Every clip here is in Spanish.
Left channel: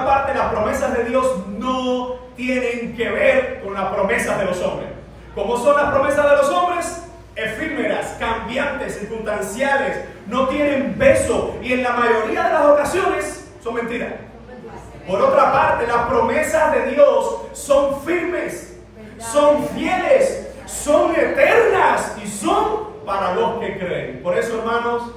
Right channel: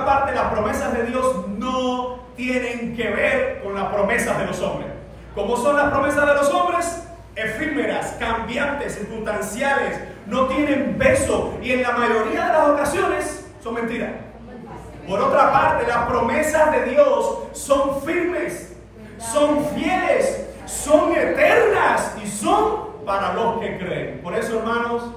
una parte, las promesas de Dios no tienen que ver con las promesas de los hombres. ¿Cómo son las promesas de los hombres? Efímeras, cambiantes, circunstanciales, no tienen peso y en la mayoría de las ocasiones son mentiras. Por otra parte, las promesas de Dios son firmes, son fieles, son eternas y son para los que creen. Por eso, hermanos,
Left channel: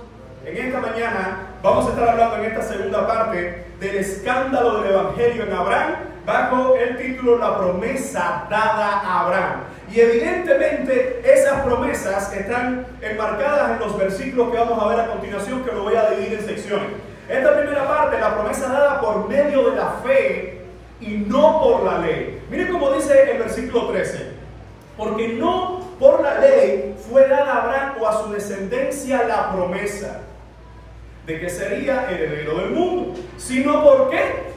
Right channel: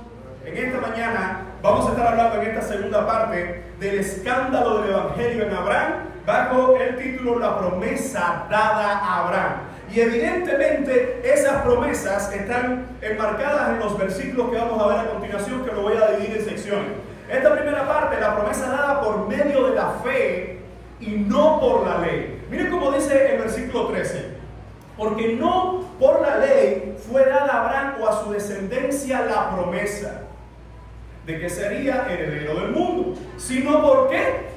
en esta mañana vamos a estar hablando en esta segunda parte del escándalo del Evangelio en Abraham, bajo el título La promesa dada a Abraham. Y evidentemente esas promesas están enmarcadas en los versículos que vamos a ver a continuación, que lo voy a dividir en secciones. Esta primera parte, la promesa dada por medio de la fe y no por la ley. Miren cómo dice el versículo 13. Porque no por la ley fue dada a Abraham o a su descendencia la promesa de que sería heredero del mundo, sino ¿por qué?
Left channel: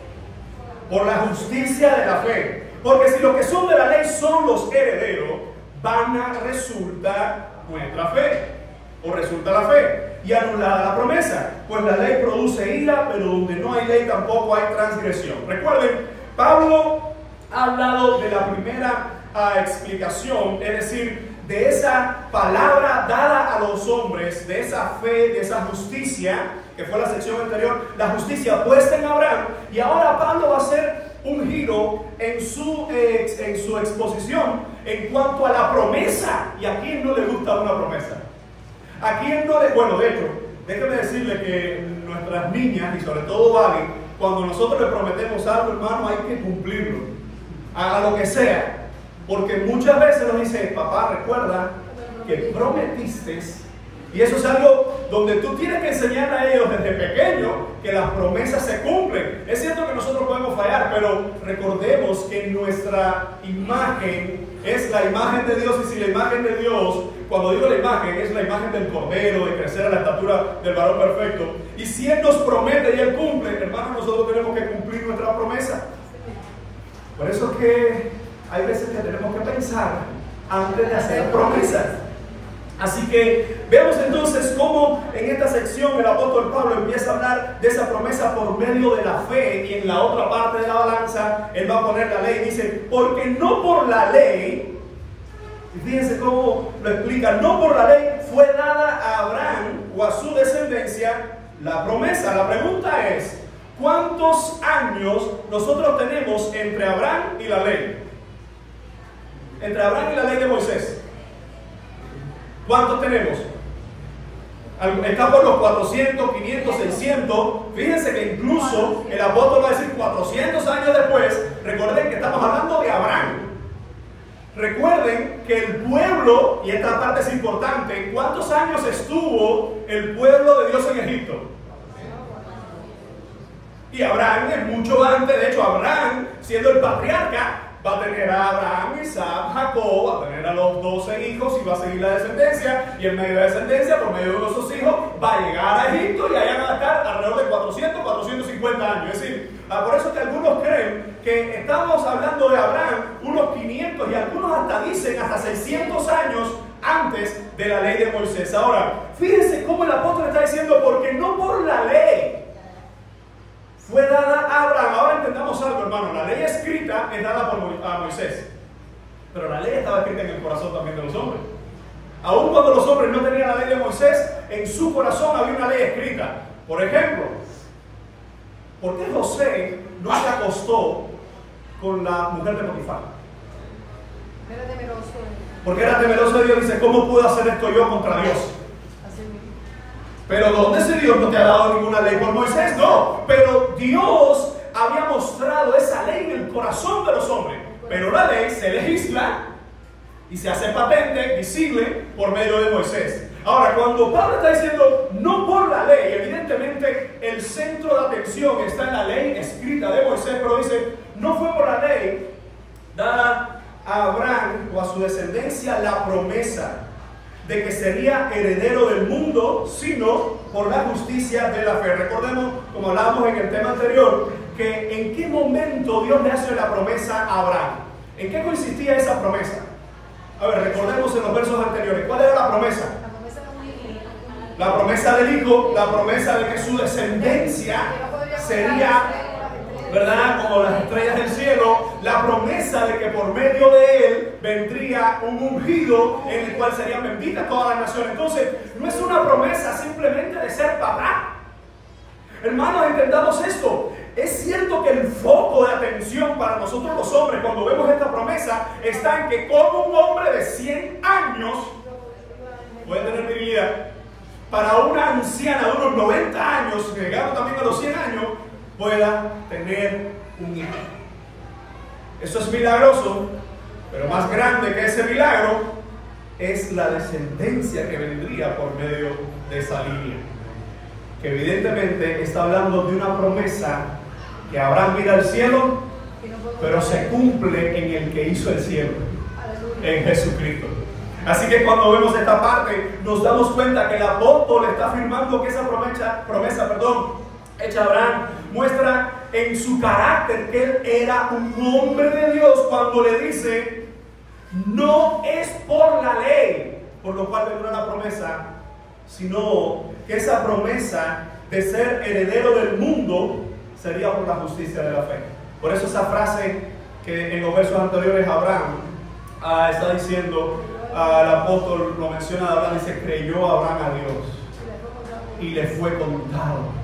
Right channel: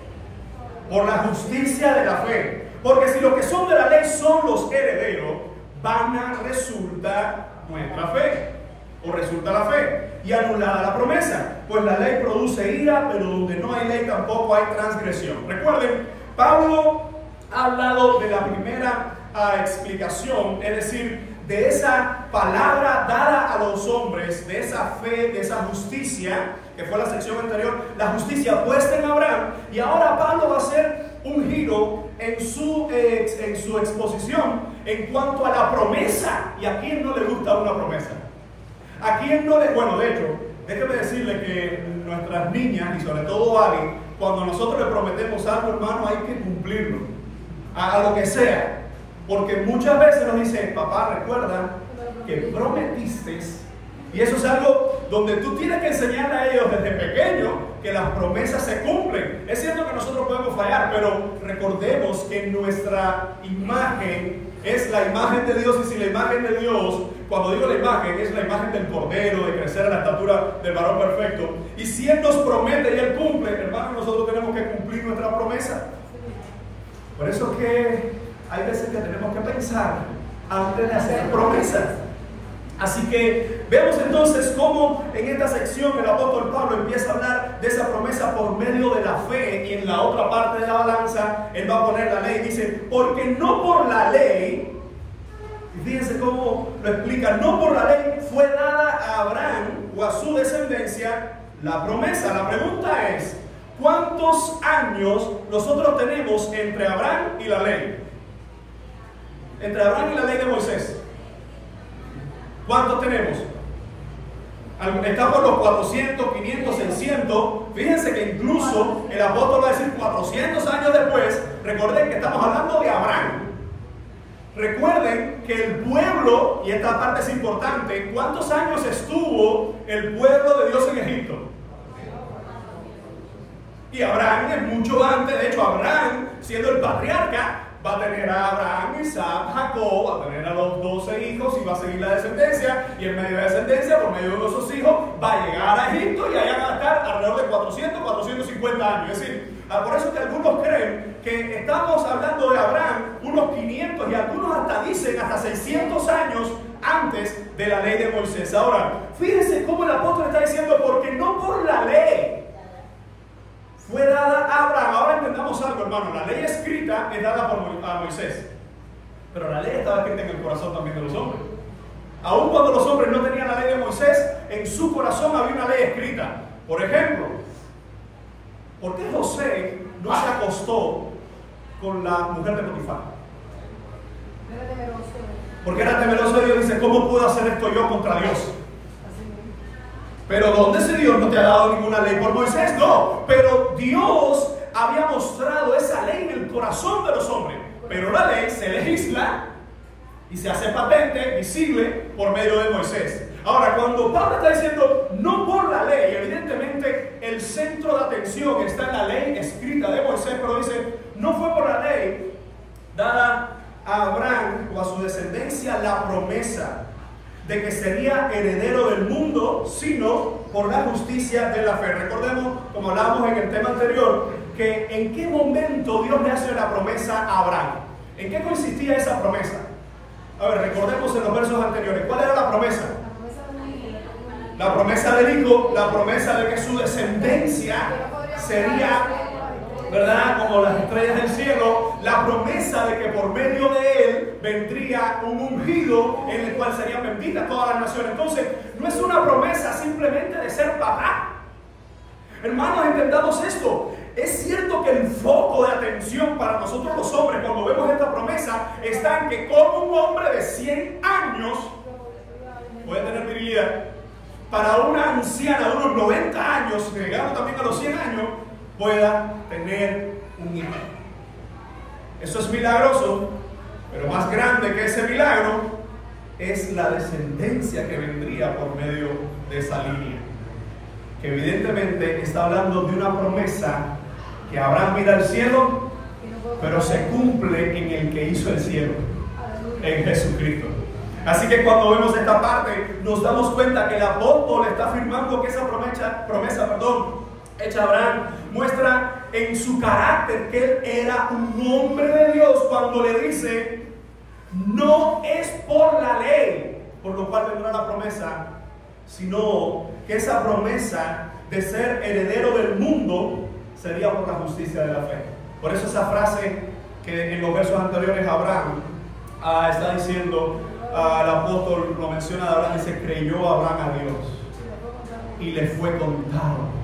Por la justicia de la fe. Porque si los que son de la ley son los herederos, vana resulta nuestra fe, o resulta la fe, y anulada la promesa, pues la ley produce ira, pero donde no hay ley tampoco hay transgresión. Recuerden, Pablo ha hablado de la primera explicación, es decir, de esa palabra dada a los hombres, de esa fe, de esa justicia, que fue la sección anterior, la justicia puesta en Abraham, y ahora Pablo va a hacer un giro en su exposición en cuanto a la promesa. ¿Y a quién no le gusta una promesa? ¿A quién no le...? Bueno, de hecho, déjeme decirle que nuestras niñas, y sobre todo Ali, cuando nosotros le prometemos algo, hermano, hay que cumplirlo, haga lo que sea. Porque muchas veces nos dice, papá, recuerda que prometiste, y eso es algo donde tú tienes que enseñarle a ellos desde pequeño que las promesas se cumplen. Es cierto que nosotros podemos fallar, pero recordemos que nuestra imagen es la imagen de Dios, y si la imagen de Dios, cuando digo la imagen, es la imagen del Cordero, de crecer a la estatura del varón perfecto, y si Él nos promete y Él cumple, hermano, nosotros tenemos que cumplir nuestra promesa. Por eso es que hay veces que tenemos que pensar antes de hacer promesas. Así que vemos entonces cómo en esta sección el apóstol Pablo empieza a hablar de esa promesa por medio de la fe, y en la otra parte de la balanza él va a poner la ley. Dice, porque no por la ley, y fíjense cómo lo explica, no por la ley fue dada a Abraham o a su descendencia la promesa. La pregunta es, ¿cuántos años nosotros tenemos entre Abraham y la ley? Entre Abraham y la ley de Moisés. ¿Cuántos tenemos? Está por los 400, 500, 600. Fíjense que incluso el apóstol va a decir 400 años después. Recuerden que estamos hablando de Abraham. Recuerden que el pueblo, y esta parte es importante, ¿cuántos años estuvo el pueblo de Dios en Egipto? Y Abraham es mucho antes. De hecho, Abraham, siendo el patriarca, va a tener a Abraham, Isaac, Jacob, va a tener a los 12 hijos y va a seguir la descendencia, y en medio de la descendencia, por medio de esos hijos, va a llegar a Egipto, y allá va a estar alrededor de 400, 450 años. Es decir, por eso que algunos creen que estamos hablando de Abraham unos 500, y algunos hasta dicen hasta 600 años antes de la ley de Moisés. Ahora, fíjense cómo el apóstol está diciendo, porque no por la ley fue dada a Abraham. Ahora entendamos algo, hermano. La ley escrita es dada a Moisés, pero la ley estaba escrita en el corazón también de los hombres. Aun cuando los hombres no tenían la ley de Moisés, en su corazón había una ley escrita. Por ejemplo, ¿por qué José no se acostó con la mujer de Potifar? Porque era temeroso de Dios. Dice, ¿cómo puedo hacer esto yo contra Dios? Pero ¿dónde ese Dios no te ha dado ninguna ley por Moisés? No, pero Dios había mostrado esa ley en el corazón de los hombres. Pero la ley se legisla y se hace patente, visible, por medio de Moisés. Ahora, cuando Pablo está diciendo no por la ley, evidentemente el centro de atención está en la ley escrita de Moisés, pero dice, no fue por la ley dada a Abraham o a su descendencia la promesa de que sería heredero del mundo, sino por la justicia de la fe. Recordemos, como hablábamos en el tema anterior, que en qué momento Dios le hace la promesa a Abraham. ¿En qué consistía esa promesa? A ver, recordemos en los versos anteriores. ¿Cuál era la promesa? La promesa del hijo, la promesa de que su descendencia sería ¿verdad? Como las estrellas del cielo, la promesa de que por medio de él vendría un ungido en el cual serían benditas todas las naciones. Entonces, no es una promesa simplemente de ser papá. Hermanos, entendamos esto. Es cierto que el foco de atención para nosotros los hombres cuando vemos esta promesa está en que como un hombre de 100 años puede tener virilidad, para una anciana de unos 90 años, llegando también a los 100 años, pueda tener un hijo. Eso es milagroso, pero más grande que ese milagro es la descendencia que vendría por medio de esa línea, que evidentemente está hablando de una promesa que Abraham mira al cielo, pero se cumple en el que hizo el cielo, en Jesucristo. Así que cuando vemos esta parte, nos damos cuenta que el apóstol está afirmando que esa promesa, hecha a Abraham, muestra en su carácter que él era un hombre de Dios cuando le dice: no es por la ley por lo cual vendrá la promesa, sino que esa promesa de ser heredero del mundo sería por la justicia de la fe. Por eso esa frase que en los versos anteriores Abraham está diciendo, el apóstol lo menciona, Abraham dice: creyó Abraham a Dios y le fue contado.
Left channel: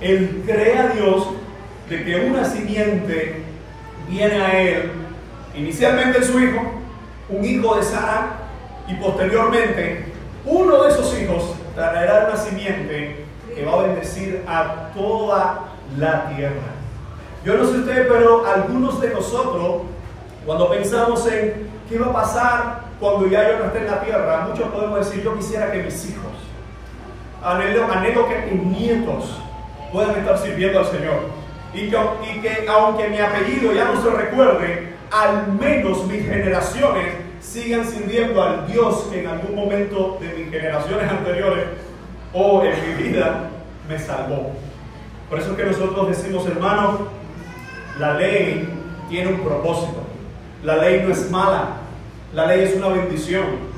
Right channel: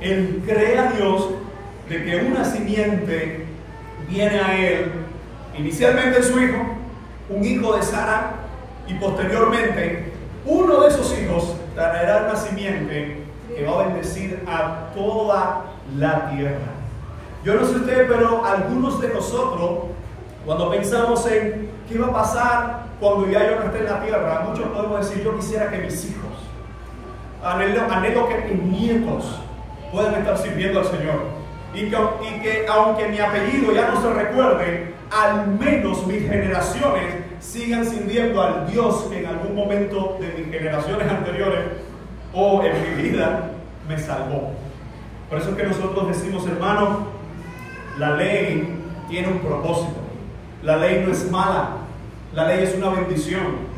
Él cree a Dios de que una simiente viene a él, inicialmente su hijo, un hijo de Sara, y posteriormente uno de esos hijos traerá una simiente que va a bendecir a toda la tierra. Yo no sé usted, pero algunos de nosotros, cuando pensamos en qué va a pasar cuando ya yo no esté en la tierra, muchos podemos decir: yo quisiera que mis hijos, anhelo que mis nietos puedan estar sirviendo al Señor, y que aunque mi apellido ya no se recuerde, al menos mis generaciones sigan sirviendo al Dios que en algún momento de mis generaciones anteriores o en mi vida me salvó. Por eso es que nosotros decimos, hermanos, la ley tiene un propósito. La ley no es mala, la ley es una bendición.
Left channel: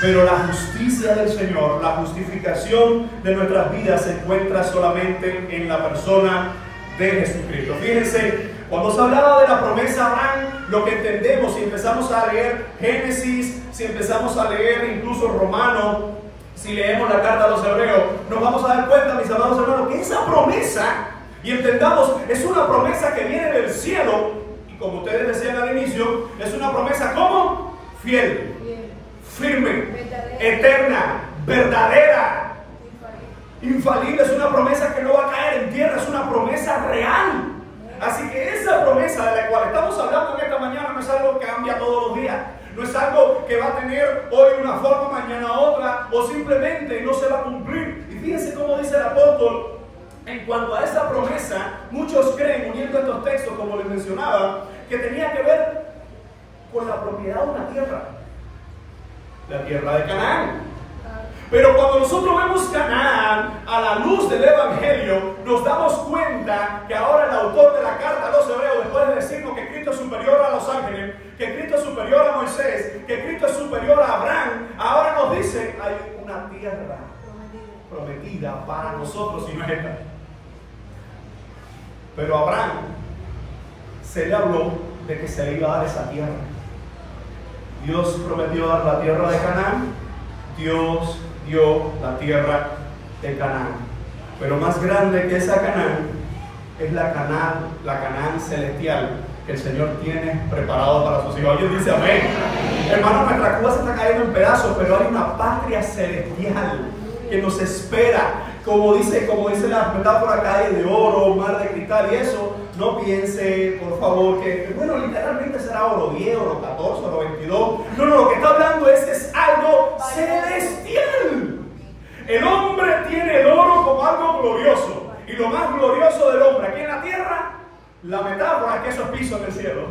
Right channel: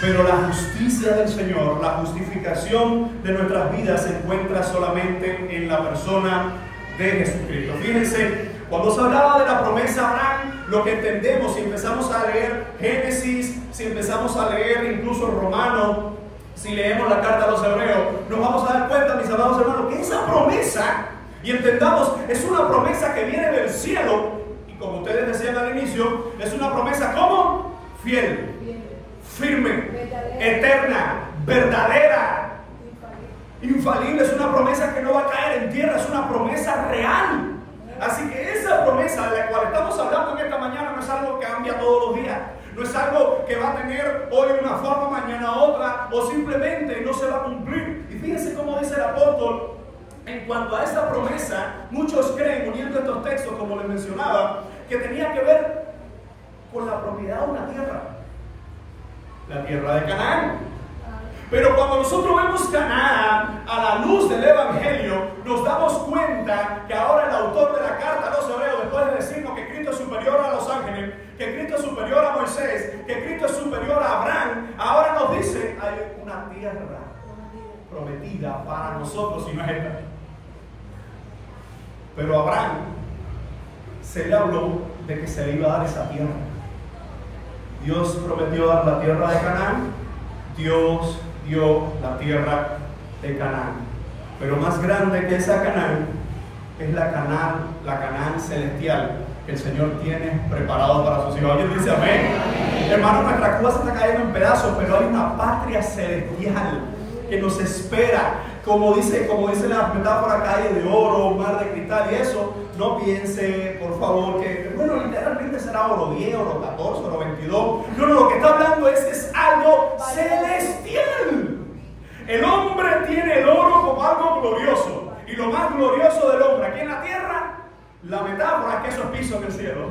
Pero la justicia del Señor, la justificación de nuestras vidas se encuentra solamente en la persona de Jesucristo. Fíjense, cuando se hablaba de la promesa a Abraham, lo que entendemos, si empezamos a leer Génesis, si empezamos a leer incluso Romanos, si leemos la carta a los Hebreos, nos vamos a dar cuenta, mis amados hermanos, que esa promesa, y entendamos, es una promesa que viene del cielo, y como ustedes decían al inicio, es una promesa ¿cómo? Fiel, firme, eterna, verdadera, infalible. Es una promesa que no va a caer en tierra, es una promesa real. Así que esa promesa de la cual estamos hablando en esta mañana no es algo que cambia todos los días, no es algo que va a tener hoy una forma, mañana otra, o simplemente no se va a cumplir. Y fíjense cómo dice el apóstol en cuanto a esa promesa. Muchos creen, uniendo estos textos como les mencionaba, que tenía que ver con la propiedad de una tierra, la tierra de Canaán. Pero cuando nosotros vemos Canaán a la luz del Evangelio, nos damos cuenta que ahora el autor de la carta a los Hebreos, después de decirnos que Cristo es superior a los ángeles, que Cristo es superior a Moisés, que Cristo es superior a Abraham, ahora nos dice: hay una tierra prometida para nosotros y no es esta. Pero a Abraham se le habló de que se le iba a dar esa tierra. Dios prometió dar la tierra de Canaán, Dios dio la tierra de Canaán. Pero más grande que esa Canaán es la Canaán celestial que el Señor tiene preparado para sus hijos. Alguien dice amén. Hermano, nuestra Cuba se está cayendo en pedazos, pero hay una patria celestial que nos espera. Como dice la metáfora, calle de oro, mar de cristal, y eso, no piense, por favor, que, bueno, literalmente será oro 10, oro 14, oro 22. No, lo que está hablando es algo celestial. El hombre tiene el oro como algo glorioso, y lo más glorioso del hombre aquí en la tierra, la metáfora es que eso es piso en el cielo.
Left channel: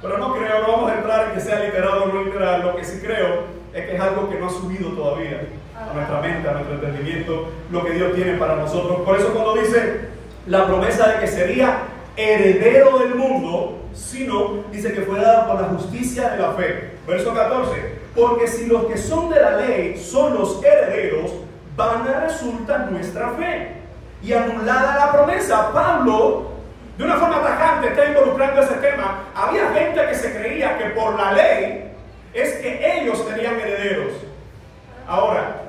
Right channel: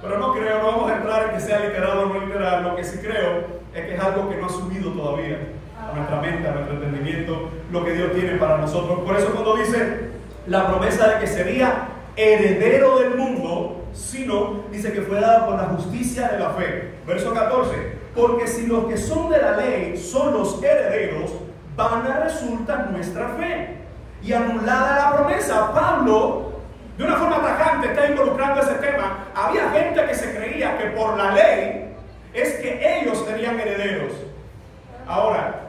Pero no vamos a entrar en que sea literal o no literal. Lo que sí creo es que es algo que no ha subido todavía a nuestra mente, a nuestro entendimiento, lo que Dios tiene para nosotros. Por eso cuando dice la promesa de que sería heredero del mundo, sino, dice que fue dada por la justicia de la fe. Verso 14: porque si los que son de la ley son los herederos, vana resulta nuestra fe y anulada la promesa. Pablo de una forma tajante está involucrando ese tema. Había gente que se creía que por la ley es que ellos serían herederos. Ahora,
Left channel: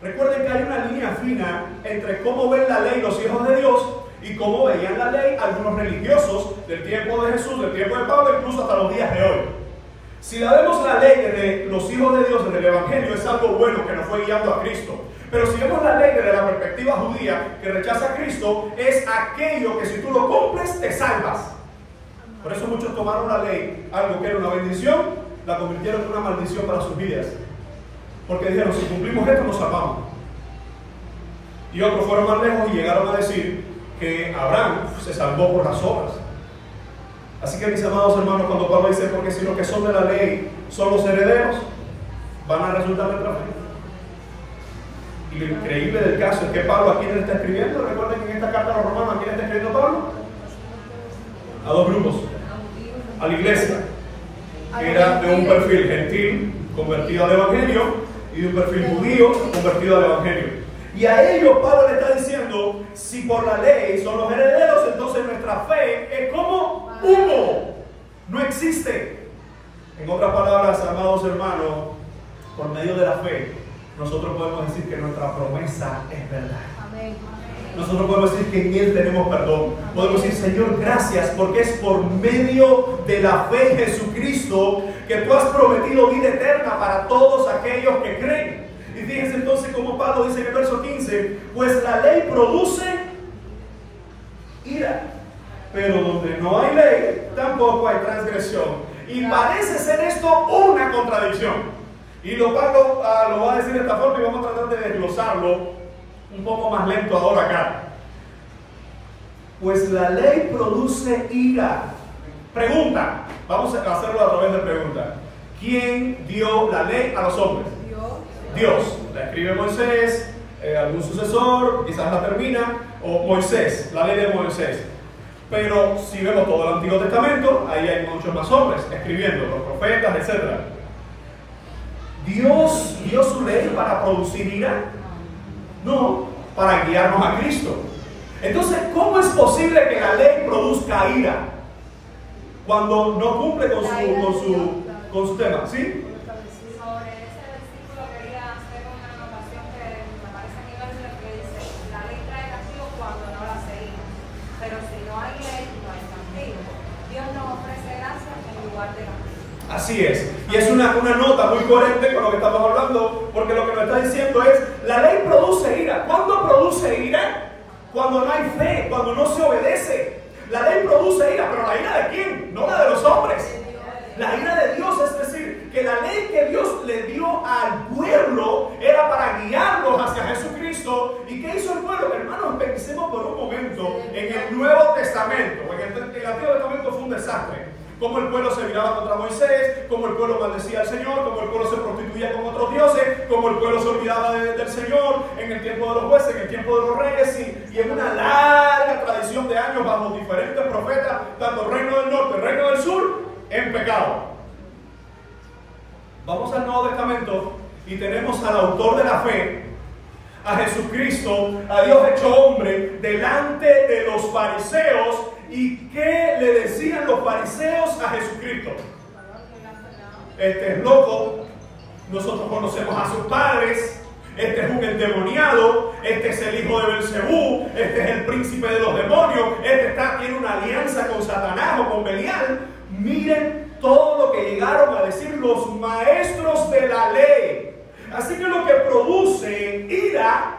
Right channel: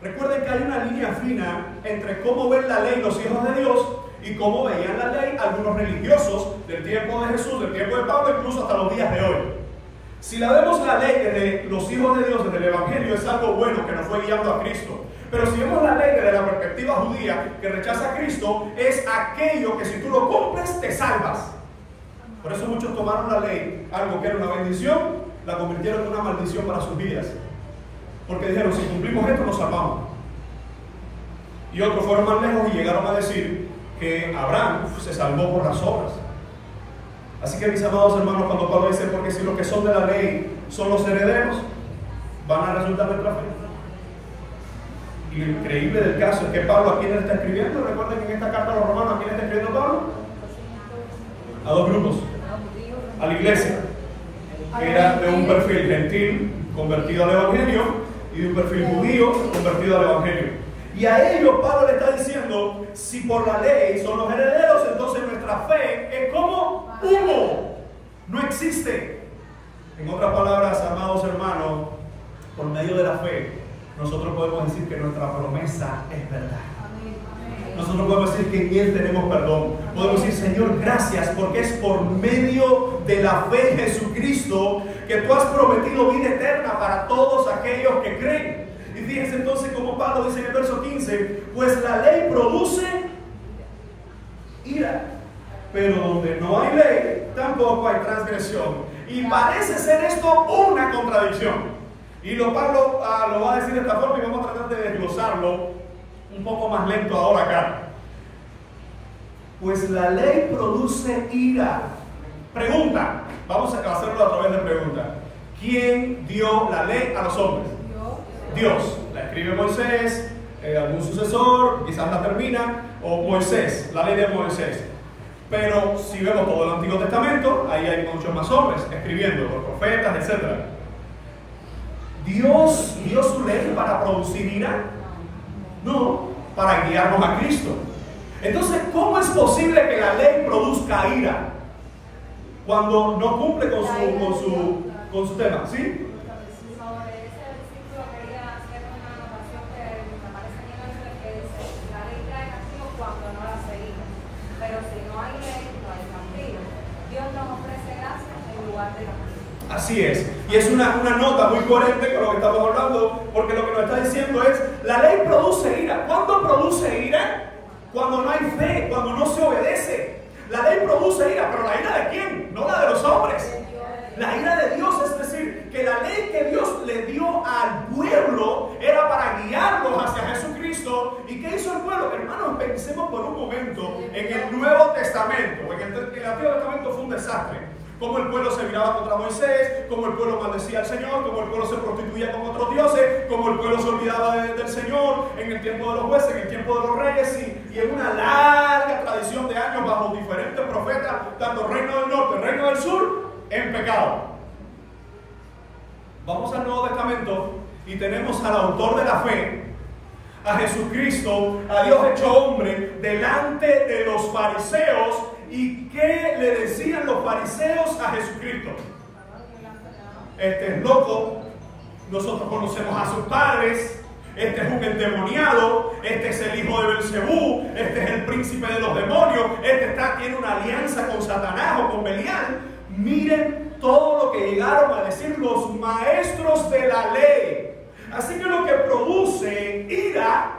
recuerden que hay una línea fina entre cómo ven la ley los hijos de Dios y cómo veían la ley algunos religiosos del tiempo de Jesús, del tiempo de Pablo, incluso hasta los días de hoy. Si la vemos la ley desde los hijos de Dios, desde el Evangelio, es algo bueno que nos fue guiando a Cristo. Pero si vemos la ley desde la perspectiva judía, que rechaza a Cristo, es aquello que si tú lo cumples, te salvas. Por eso muchos tomaron la ley, algo que era una bendición, la convirtieron en una maldición para sus vidas. Porque dijeron, si cumplimos esto, nos salvamos. Y otros fueron más lejos y llegaron a decir que Abraham se salvó por las obras. Así que, mis amados hermanos, cuando Pablo dice, porque si los que son de la ley son los herederos, van a resultar de otra fe. Y lo increíble del caso es que Pablo, ¿a quién le está escribiendo? Recuerden que en esta carta a los romanos, ¿a quién le está escribiendo Pablo? A dos grupos. A la iglesia, que era de un perfil gentil, convertido al Evangelio, y de un perfil judío, convertido al Evangelio. Y a ellos Pablo le está diciendo, si por la ley son los herederos, entonces nuestra fe es como humo, no existe. En otras palabras, amados hermanos, por medio de la fe, nosotros podemos decir que nuestra promesa es verdad. Nosotros podemos decir que en Él tenemos perdón. Podemos decir, Señor, gracias, porque es por medio de la fe en Jesucristo que tú has prometido vida eterna para todos aquellos que creen. Y fíjense entonces como Pablo dice en el verso 15, pues la ley produce ira, pero donde no hay ley, tampoco hay transgresión. Y parece ser esto una contradicción. Y Pablo lo va a decir de esta forma y vamos a tratar de desglosarlo un poco más lento ahora acá. Pues la ley produce ira. Pregunta, vamos a hacerlo a través de pregunta. ¿Quién dio la ley a los hombres? Dios. La escribe Moisés, algún sucesor, quizás la termina, o Moisés, la ley de Moisés. Pero si vemos todo el Antiguo Testamento, ahí hay muchos más hombres escribiendo, los profetas, etc. ¿Dios dio su ley para producir ira? No, para guiarnos a Cristo. Entonces, ¿cómo es posible que la ley produzca ira cuando no cumple con su tema? ¿Sí? Así es, y es una nota muy coherente con lo que estamos hablando, porque lo que nos está diciendo es, la ley produce ira. ¿Cuándo produce ira? Cuando no hay fe, cuando no se obedece. La ley produce ira, pero ¿la ira de quién? No la de los hombres. La ira de Dios, es decir, que la ley que Dios le dio al pueblo era para guiarlos hacia Jesucristo. ¿Y qué hizo el pueblo? Hermanos, pensemos por un momento en el Nuevo Testamento. En el Antiguo Testamento fue un desastre. Cómo el pueblo se viraba contra Moisés, cómo el pueblo maldecía al Señor, cómo el pueblo se prostituía con otros dioses, cómo el pueblo se olvidaba del Señor en el tiempo de los jueces, en el tiempo de los reyes, y en una larga tradición de años bajo diferentes profetas, tanto el reino del norte, el reino del sur, en pecado. Vamos al Nuevo Testamento y tenemos al autor de la fe, a Jesucristo, a Dios hecho hombre, delante de los fariseos. ¿Y qué le decían los fariseos a Jesucristo? Este es loco, nosotros conocemos a sus padres, este es un endemoniado, este es el hijo de Belcebú, este es el príncipe de los demonios, este tiene una alianza con Satanás o con Belial. Miren todo lo que llegaron a decir los maestros de la ley. Así que lo que produce ira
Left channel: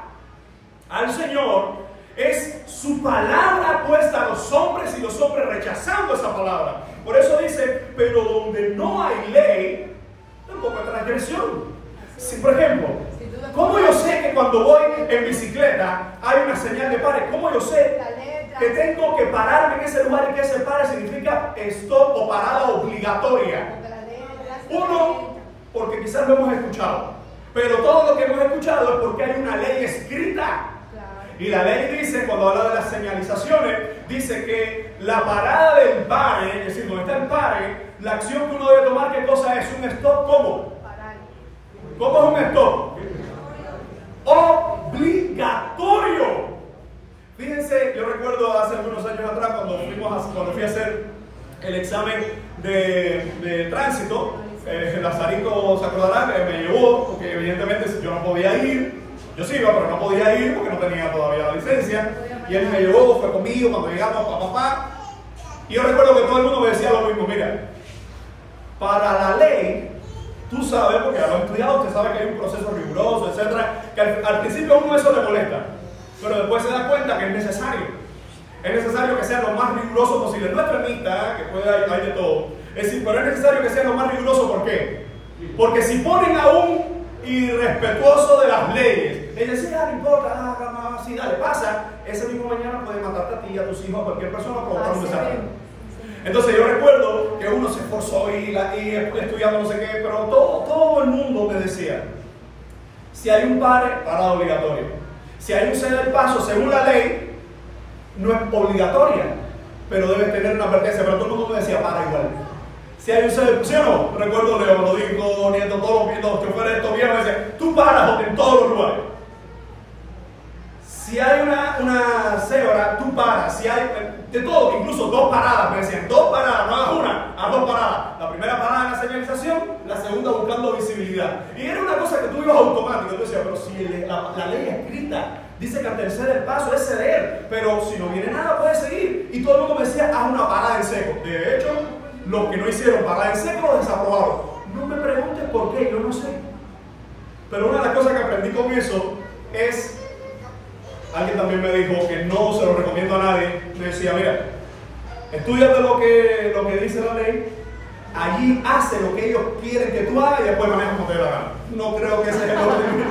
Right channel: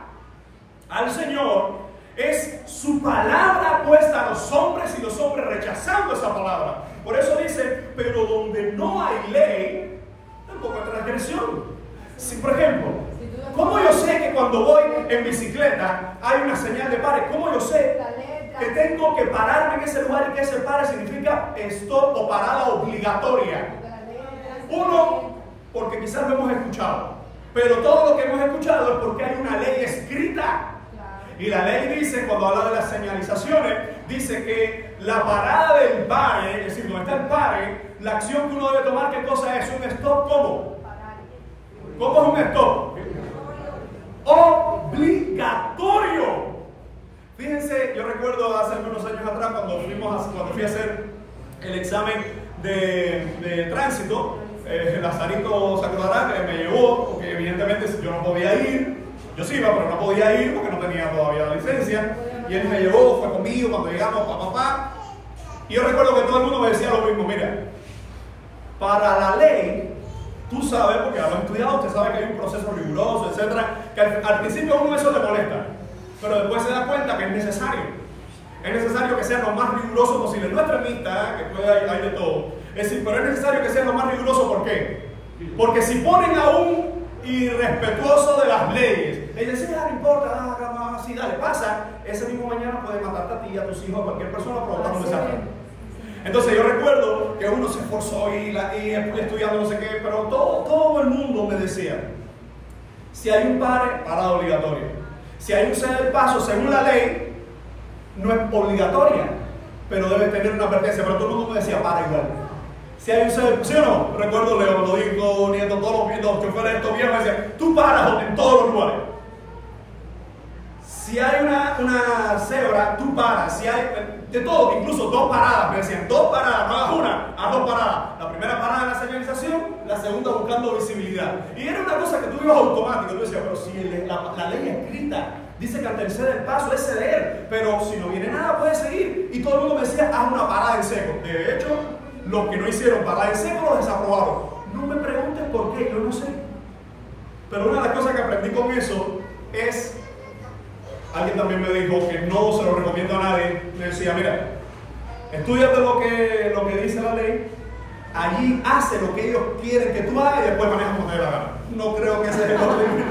al Señor es su palabra puesta a los hombres y los hombres rechazando esa palabra. Por eso dice, pero donde no hay ley, tampoco hay transgresión. Si, por ejemplo, ¿cómo yo sé que cuando voy en bicicleta hay una señal de pare? ¿Cómo yo sé que tengo que pararme en ese lugar y que ese pare significa stop o parada obligatoria? Uno, porque quizás lo hemos escuchado, pero todo lo que hemos escuchado es porque hay una ley escrita. Y la ley dice, cuando habla de las señalizaciones, dice que la parada del pare, es decir, donde está el pare, la acción que uno debe tomar, ¿qué cosa es? Un stop, ¿cómo? ¿Cómo es un stop? Obligatorio. Fíjense, yo recuerdo hace algunos años atrás, cuando fuimos cuando fui a hacer el examen de tránsito, Lazarito se acordará que me llevó, porque evidentemente yo no podía ir. Yo sí iba, pero no podía ir porque no tenía todavía la licencia. Y él me llevó, fue conmigo cuando llegamos, papá. Y yo recuerdo que todo el mundo me decía lo mismo: mira, para la ley, tú sabes, porque a los estudiados usted sabe que hay un proceso riguroso, etcétera, que al principio a uno eso le molesta, pero después se da cuenta que es necesario. Es necesario que sea lo más riguroso posible. No extremista, que puede hay de todo. Es decir, pero es necesario que sea lo más riguroso. ¿Por qué? Porque si ponen a un irrespetuoso de las leyes, ellos dicen, no importa, si dale, pasa, ese mismo mañana puede matarte a ti, a tus hijos, a cualquier persona, provocar un desastre. Entonces yo recuerdo que uno se esforzó y estudiando no sé qué, pero todo el mundo me decía, si hay un parada obligatoria. Si hay un ceder el paso según la ley, no es obligatoria, pero debe tener una advertencia. Pero todo el mundo me decía, para igual. Si hay un ceder, ¿sí o no? Recuerdo Leo, Lodico, Nieto, todos los choferes de estos viejos me decían, tú paras en todos los lugares. Si hay una cebra, tú paras. Si hay de todo, incluso 2 paradas, me decían, 2 paradas, no hagas una, haz 2 paradas. La primera parada en la señalización, la segunda buscando visibilidad. Y era una cosa que tú ibas automático. Tú decías, pero si la ley escrita dice que al tercer el paso es ceder, pero si no viene nada puede seguir. Y todo el mundo me decía, haz una parada en seco. De hecho, los que no hicieron parada en seco los desaprobaron. No me preguntes por qué, yo no sé. Pero una de las cosas que aprendí con eso es, alguien también me dijo que no se lo recomiendo a nadie, me decía, mira, estúdiate lo que dice la ley, allí hace lo que ellos quieren que tú hagas y después manejas como te dé la gana. No creo que ese es el orden.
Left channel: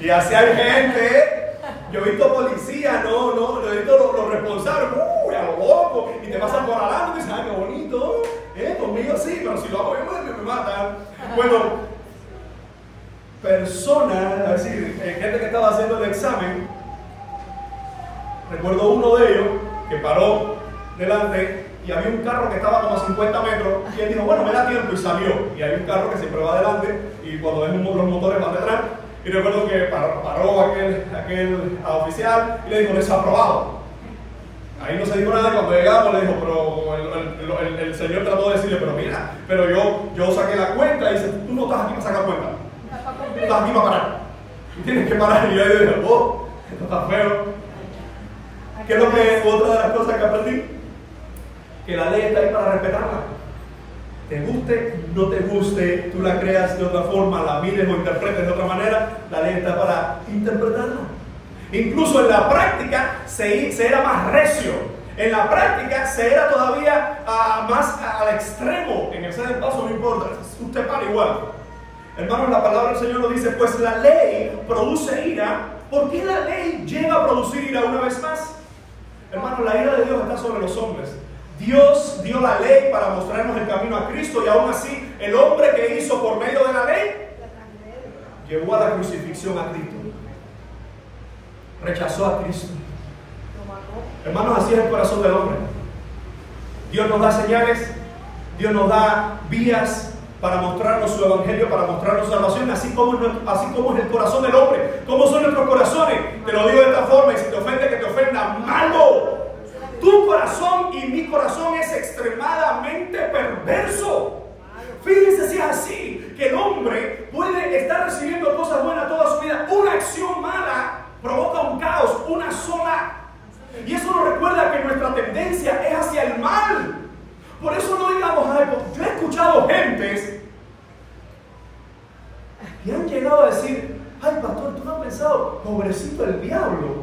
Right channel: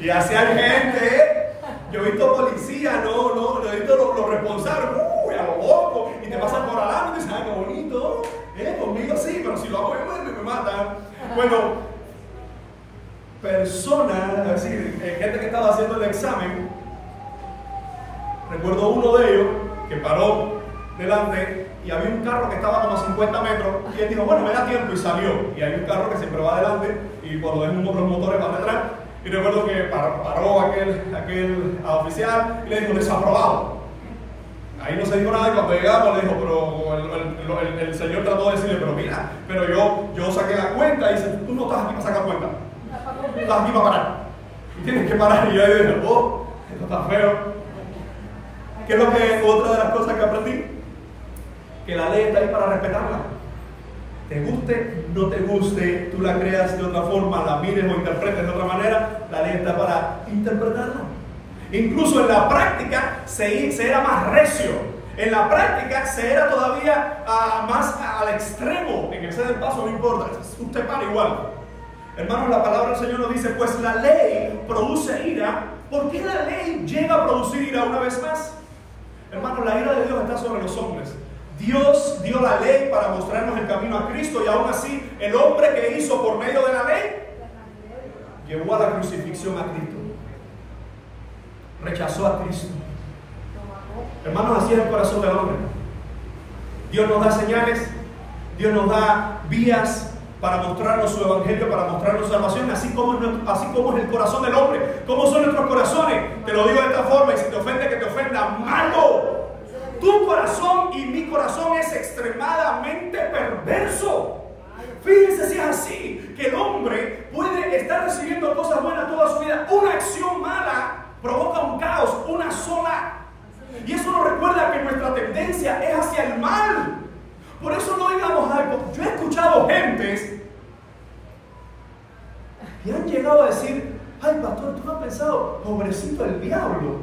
Y así hay gente, yo he visto policías, yo he visto los responsables, a lo loco, y te pasan por adelante y dicen, ay, qué bonito, conmigo sí, pero si lo hago yo me matan. Bueno, personas, es decir, gente que estaba haciendo el examen, recuerdo uno de ellos que paró delante y había un carro que estaba como a 50 metros y él dijo, bueno, me da tiempo, y salió. Y hay un carro que siempre va adelante y cuando ven los motores van detrás. Y recuerdo que paró aquel oficial y le dijo, desaprobado. Ahí no se dijo nada y cuando llegamos le dijo, pero el señor trató de decirle, pero mira, pero yo saqué la cuenta y dice, tú no estás aquí para sacar cuenta. Tú estás aquí para parar. Y tienes que parar. Y yo dije, esto está feo. ¿Qué es lo que otra de las cosas que aprendí? Que la ley está ahí para respetarla. Te guste, no te guste, tú la creas de otra forma, la mires o interpretes de otra manera, la ley está para interpretarla. Incluso en la práctica se era más recio. En la práctica se era todavía más al extremo. En el ceder paso no importa, usted para igual. Hermanos, la palabra del Señor nos dice, pues la ley produce ira. ¿Por qué la ley llega a producir ira una vez más? Hermanos, la ira de Dios está sobre los hombres. Dios dio la ley para mostrarnos el camino a Cristo y aún así el hombre que hizo por medio de la ley llevó a la crucifixión a Cristo. Rechazó a Cristo. Hermanos, así es el corazón del hombre. Dios nos da señales, Dios nos da vías para mostrarnos su evangelio, para mostrarnos salvación, así como es el corazón del hombre. ¿Cómo son nuestros corazones? Te lo digo de esta forma, y si te ofende, que te ofenda, malo. Tu corazón y mi corazón es extremadamente perverso. Fíjense si es así, que el hombre puede estar recibiendo cosas buenas toda su vida. Una acción mala provoca un caos, una sola. Y eso nos recuerda que nuestra tendencia es hacia el mal. Por eso no digamos, ay, yo he escuchado gentes que han llegado a decir, ay, pastor, tú no has pensado, pobrecito el diablo.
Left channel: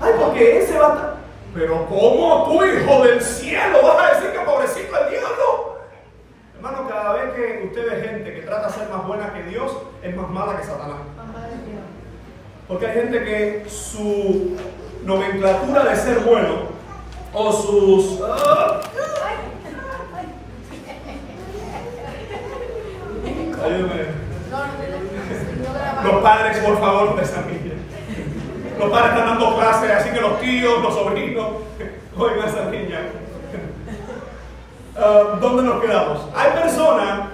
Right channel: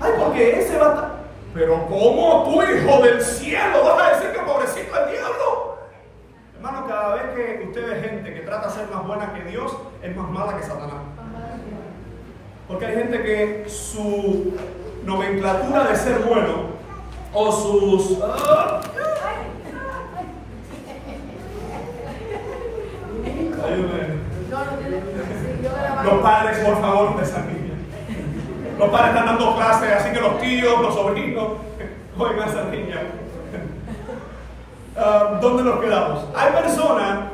Ay, porque ese va a estar... Pero ¿cómo tú, hijo del cielo, vas a decir que pobrecito el diablo? Hermano, cada vez que usted ve gente que trata de ser más buena que Dios, es más mala que Satanás. Porque hay gente que su nomenclatura de ser bueno o sus... Los padres, por favor, de esa niña. Los padres están dando clases, así que los tíos, los sobrinos, oigan a esa niña. ¿Dónde nos quedamos? Hay personas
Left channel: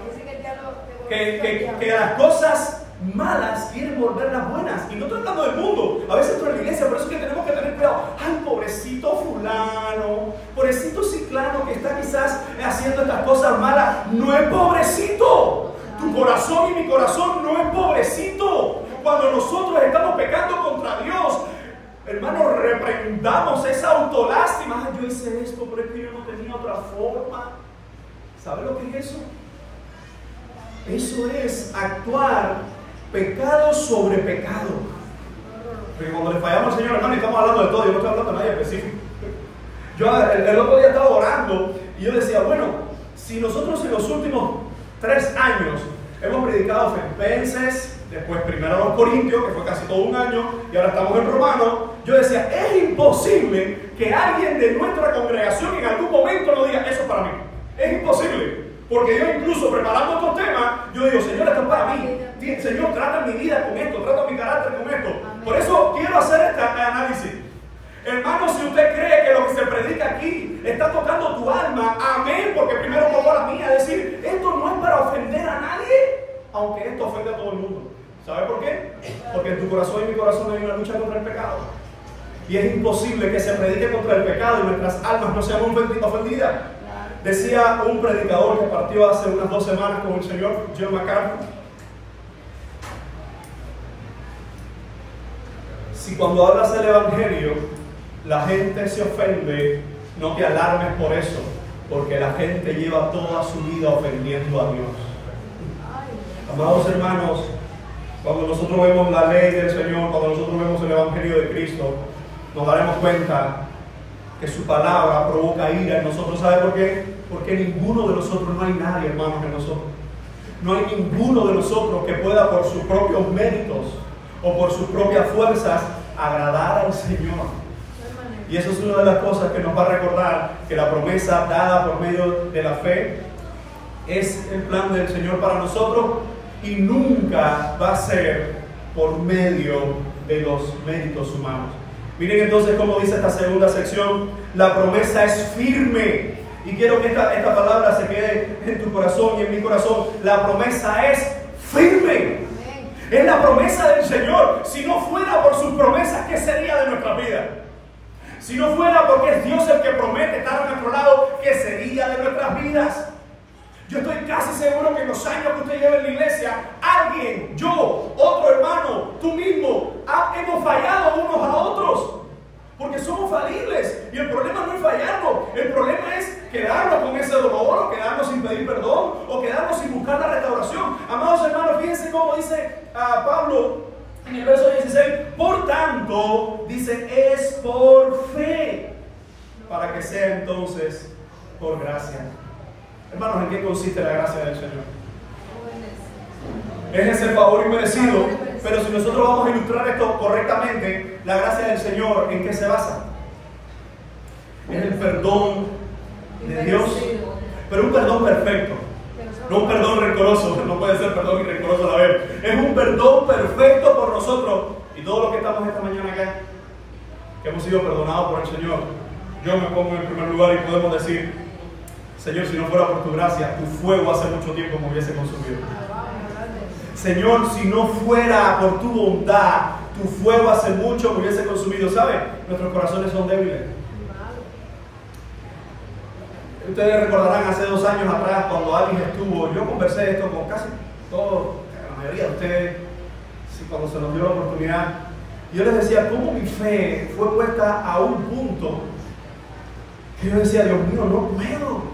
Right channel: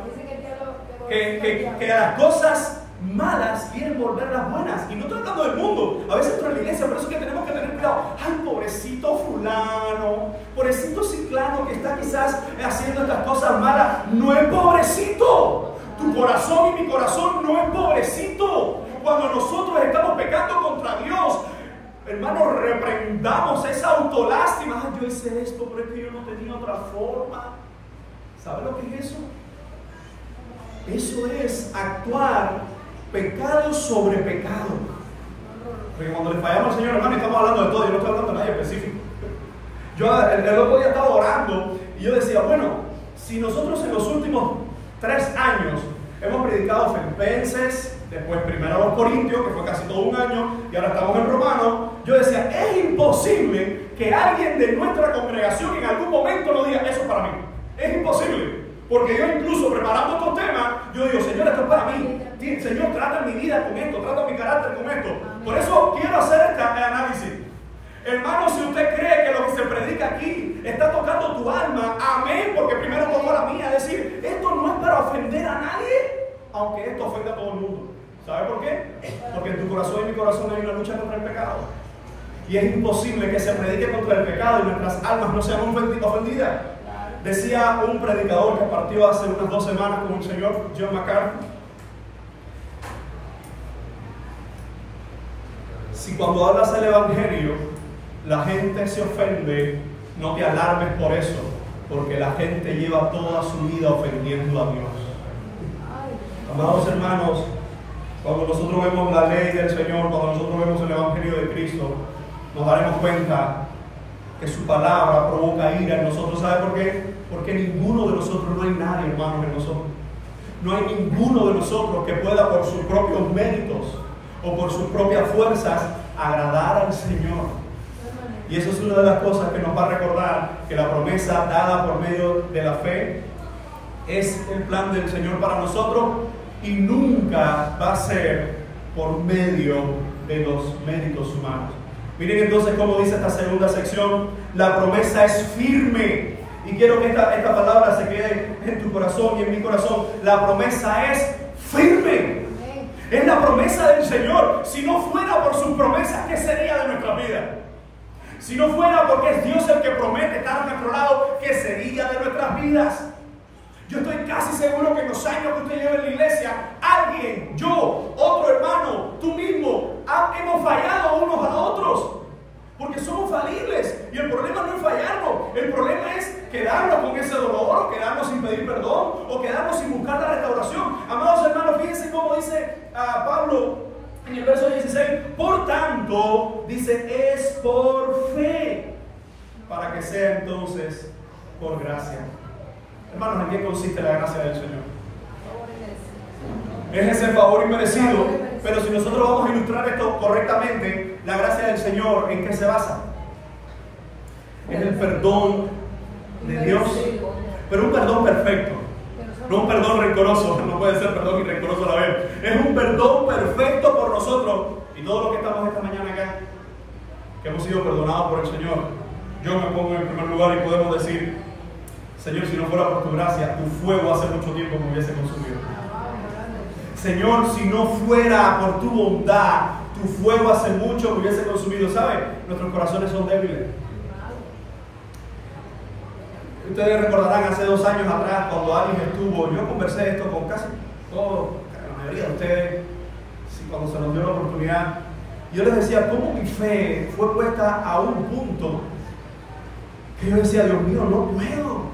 que las cosas malas quieren volverlas buenas. Y no estoy hablando del mundo, a veces esto en la iglesia, por eso es que tenemos que tener cuidado. Ay, pobrecito fulano, pobrecito ciclano que está quizás haciendo estas cosas malas. No es pobrecito. Tu corazón y mi corazón no es pobrecito. Cuando nosotros estamos pecando contra Dios, hermanos, reprendamos esa autolástima. Ay, yo hice esto, pero es que yo no tenía otra forma. ¿Sabe lo que es eso? Eso es actuar pecado sobre pecado. Porque cuando le fallamos al Señor, hermano, estamos hablando de todo, yo no estoy hablando de nadie específico. Yo el otro día estaba orando y yo decía, bueno, si nosotros en los últimos 3 años hemos predicado Filipenses, después primero a los Corintios, que fue casi todo un año, y ahora estamos en Romanos, yo decía, es imposible que alguien de nuestra congregación en algún momento no diga, eso es para mí. Es imposible. Porque yo incluso preparando estos temas, yo digo, Señor, esto es para mí. Señor, trata mi vida con esto, trata mi carácter con esto. Por eso quiero hacer este análisis. Hermano, si usted cree que lo que se predica aquí está tocando tu alma, amén, porque primero tocó la mía. Es decir, esto no es para ofender a nadie, aunque esto ofende a todo el mundo. ¿Sabe por qué? Porque en tu corazón y en mi corazón hay una lucha contra el pecado. Y es imposible que se predique contra el pecado y nuestras almas no sean ofendidas. Decía un predicador que partió hace unas 2 semanas con el señor John MacArthur: si cuando hablas el evangelio la gente se ofende, no te alarmes por eso, porque la gente lleva toda su vida ofendiendo a Dios. Amados hermanos, cuando nosotros vemos la ley del Señor, cuando nosotros vemos el evangelio de Cristo, nos daremos cuenta que su palabra provoca ira en nosotros. ¿Sabe por qué? Porque ninguno de nosotros, no hay nadie, hermanos, en nosotros. No hay ninguno de nosotros que pueda por sus propios méritos o por sus propias fuerzas agradar al Señor. Y eso es una de las cosas que nos va a recordar que la promesa dada por medio de la fe es el plan del Señor para nosotros y nunca va a ser por medio de los méritos humanos. Miren entonces cómo dice esta segunda sección: la promesa es firme. Y quiero que esta palabra se quede en tu corazón y en mi corazón. La promesa es firme. Es la promesa del Señor. Si no fuera por sus promesas, ¿qué sería de nuestra vida? Si no fuera porque es Dios el que promete estar a nuestro lado, ¿qué sería de nuestras vidas? Yo estoy casi seguro que en los años que usted lleva en la iglesia, alguien, yo, otro hermano, tú mismo, hemos fallado unos a otros. Porque somos falibles. Y el problema no es fallarnos. El problema es quedarnos con ese dolor, o quedarnos sin pedir perdón, o quedarnos sin buscar la restauración. Amados hermanos, fíjense cómo dice Pablo en el verso 16. Por tanto, dice, es por fe, para que sea entonces por gracia. Hermanos, ¿en qué consiste la gracia del Señor? Es ese favor inmerecido. Pero si nosotros vamos a ilustrar esto correctamente, la gracia del Señor, ¿en qué se basa? Es el perdón de Dios, pero un perdón perfecto, no un perdón rencoroso. No puede ser perdón y rencoroso a la vez. Es un perdón perfecto por nosotros. Y todos los que estamos esta mañana acá, que hemos sido perdonados por el Señor, yo me pongo en primer lugar y podemos decir: Señor, si no fuera por tu gracia, tu fuego hace mucho tiempo me hubiese consumido. Señor, si no fuera por tu bondad, tu fuego hace mucho me hubiese consumido. ¿Sabe? Nuestros corazones son débiles. Ustedes recordarán hace 2 años atrás, cuando alguien estuvo, yo conversé esto con casi todos, la mayoría de ustedes, sí, cuando se nos dio la oportunidad. Yo les decía cómo mi fe fue puesta a un punto que yo decía: Dios mío, no puedo.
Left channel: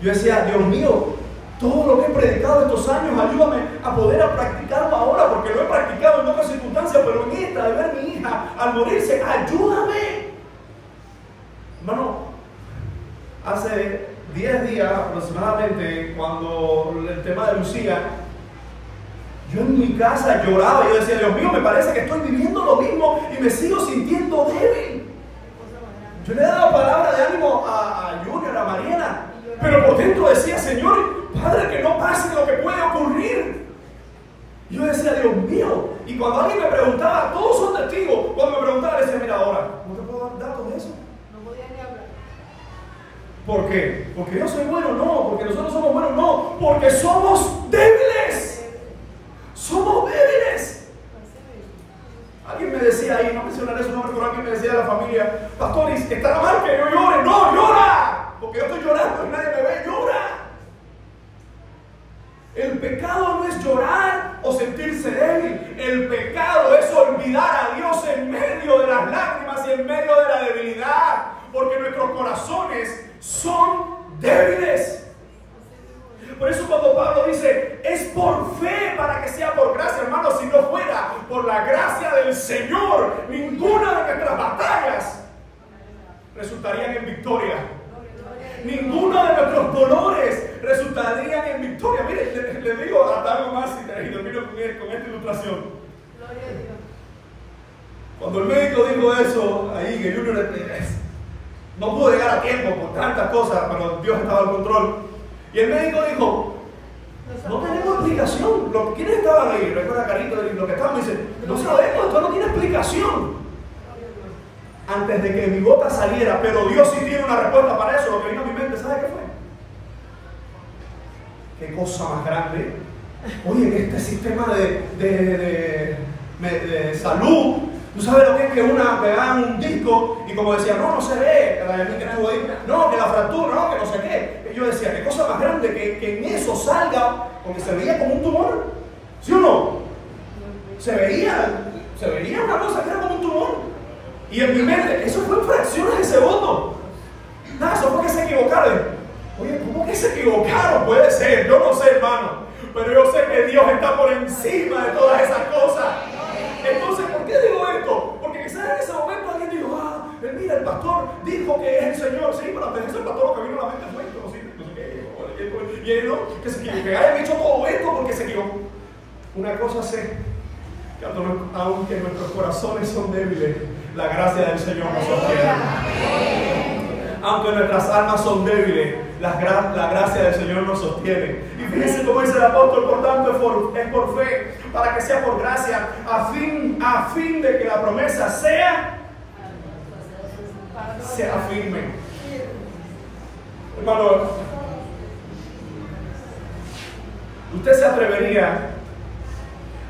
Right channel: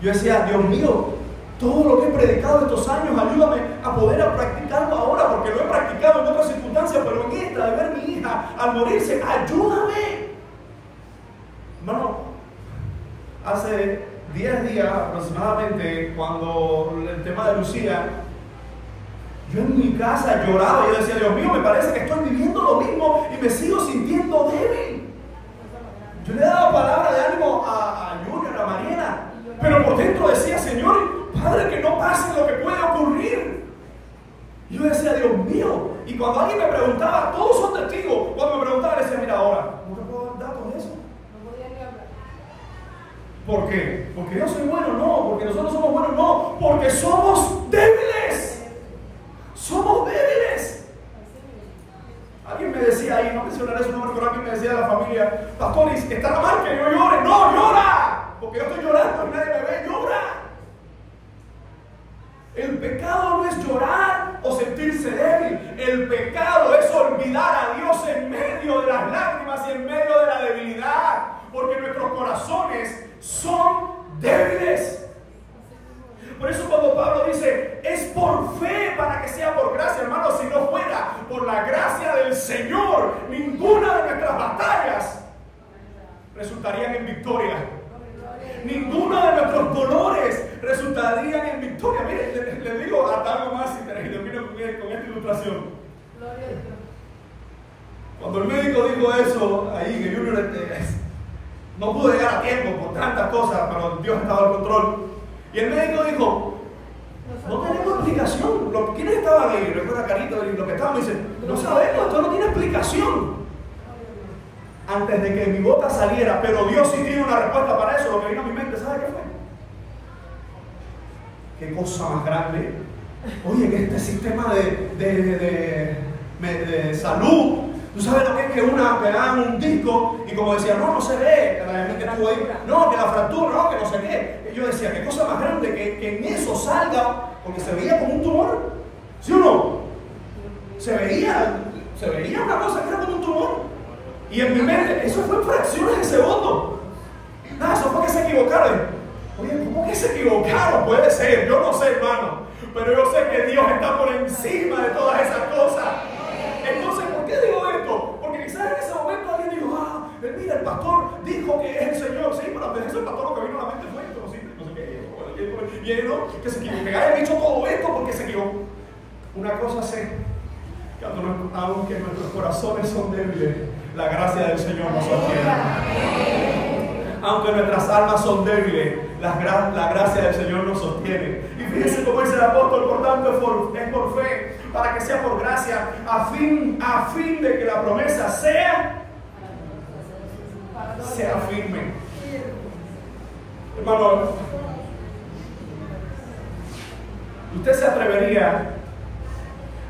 Yo decía: Dios mío, todo lo que he predicado estos años, ayúdame a poder practicarlo ahora, porque lo he practicado en otras circunstancias, pero en esta, de ver a mi hija al morirse, ayúdame. Hermano, hace 10 días aproximadamente, cuando el tema de Lucía, yo en mi casa lloraba y yo decía: Dios mío, me parece que estoy viviendo lo mismo y me sigo sintiendo débil. Yo le he dado palabra de ánimo a Junior, a Mariela, pero por dentro decía: Señor, Padre, que no pase lo que puede ocurrir. Y yo decía: Dios mío. Y cuando alguien me preguntaba, todos son testigos, cuando me preguntaban, decía: mira, ahora, no te puedo dar datos de eso. ¿Por qué? ¿Porque yo soy bueno? No. ¿Porque nosotros somos buenos? No. Porque somos débiles. Somos mencionaré su nombre, pero alguien me decía de la familia, pastor, ¿está mal que yo llore? No, llora, porque yo estoy llorando y nadie me ve, llora. El pecado no es llorar o sentirse débil. El pecado es olvidar a Dios en medio de las lágrimas y en medio de la debilidad, porque nuestros corazones son débiles. Por eso cuando Pablo dice, es por fe para que sea por gracia, hermanos, si no fuera por la gracia del Señor, ninguna de nuestras batallas resultarían en victoria. Ninguno de nuestros dolores resultarían en victoria. Mire, le digo hasta algo más y termino con esta ilustración. Cuando el médico dijo eso, ahí que Junior no pudo llegar a tiempo por tantas cosas, pero Dios estaba al control. Y el médico dijo, no tenemos explicación. ¿Quiénes estaban ahí? Recuerda Carito y los que estaban, me dicen, no sabemos, esto no tiene explicación. Antes de que mi boca saliera, pero Dios sí tiene una respuesta para eso. Lo que vino a mi mente, ¿sabe qué fue? Qué cosa más grande. Oye, en este sistema de salud, ¿tú sabes lo que es que hagan un disco y como decían, no se ve, que estuvo ahí, no, que la fractura, no, que no sé qué? Y yo decía, qué cosa más grande que en eso salga, porque se veía como un tumor, ¿sí o no? Se veía una cosa que era como un tumor. Y en mi mente, eso fue en fracciones de segundo. Nada, eso fue que se equivocaron. Oye, ¿cómo que se equivocaron? Puede ser, yo no sé, hermano. Pero yo sé que Dios está por encima de todas esas cosas. Entonces, ¿por qué digo esto? Porque quizás en ese momento alguien dijo, mira, el pastor dijo que es el Señor. Sí, pero antes de eso el pastor lo que vino a la mente fue esto, no sé qué. Y él, que se equivocó, que hayan hecho todo esto porque se equivocó. Una cosa sé, que aunque nuestros corazones son débiles, la gracia del Señor nos sostiene. Aunque nuestras almas son débiles, la gracia del Señor nos sostiene. Y fíjense cómo dice el apóstol, por tanto es por fe, para que sea por gracia, a fin de que la promesa sea firme. Hermano, ¿usted se atrevería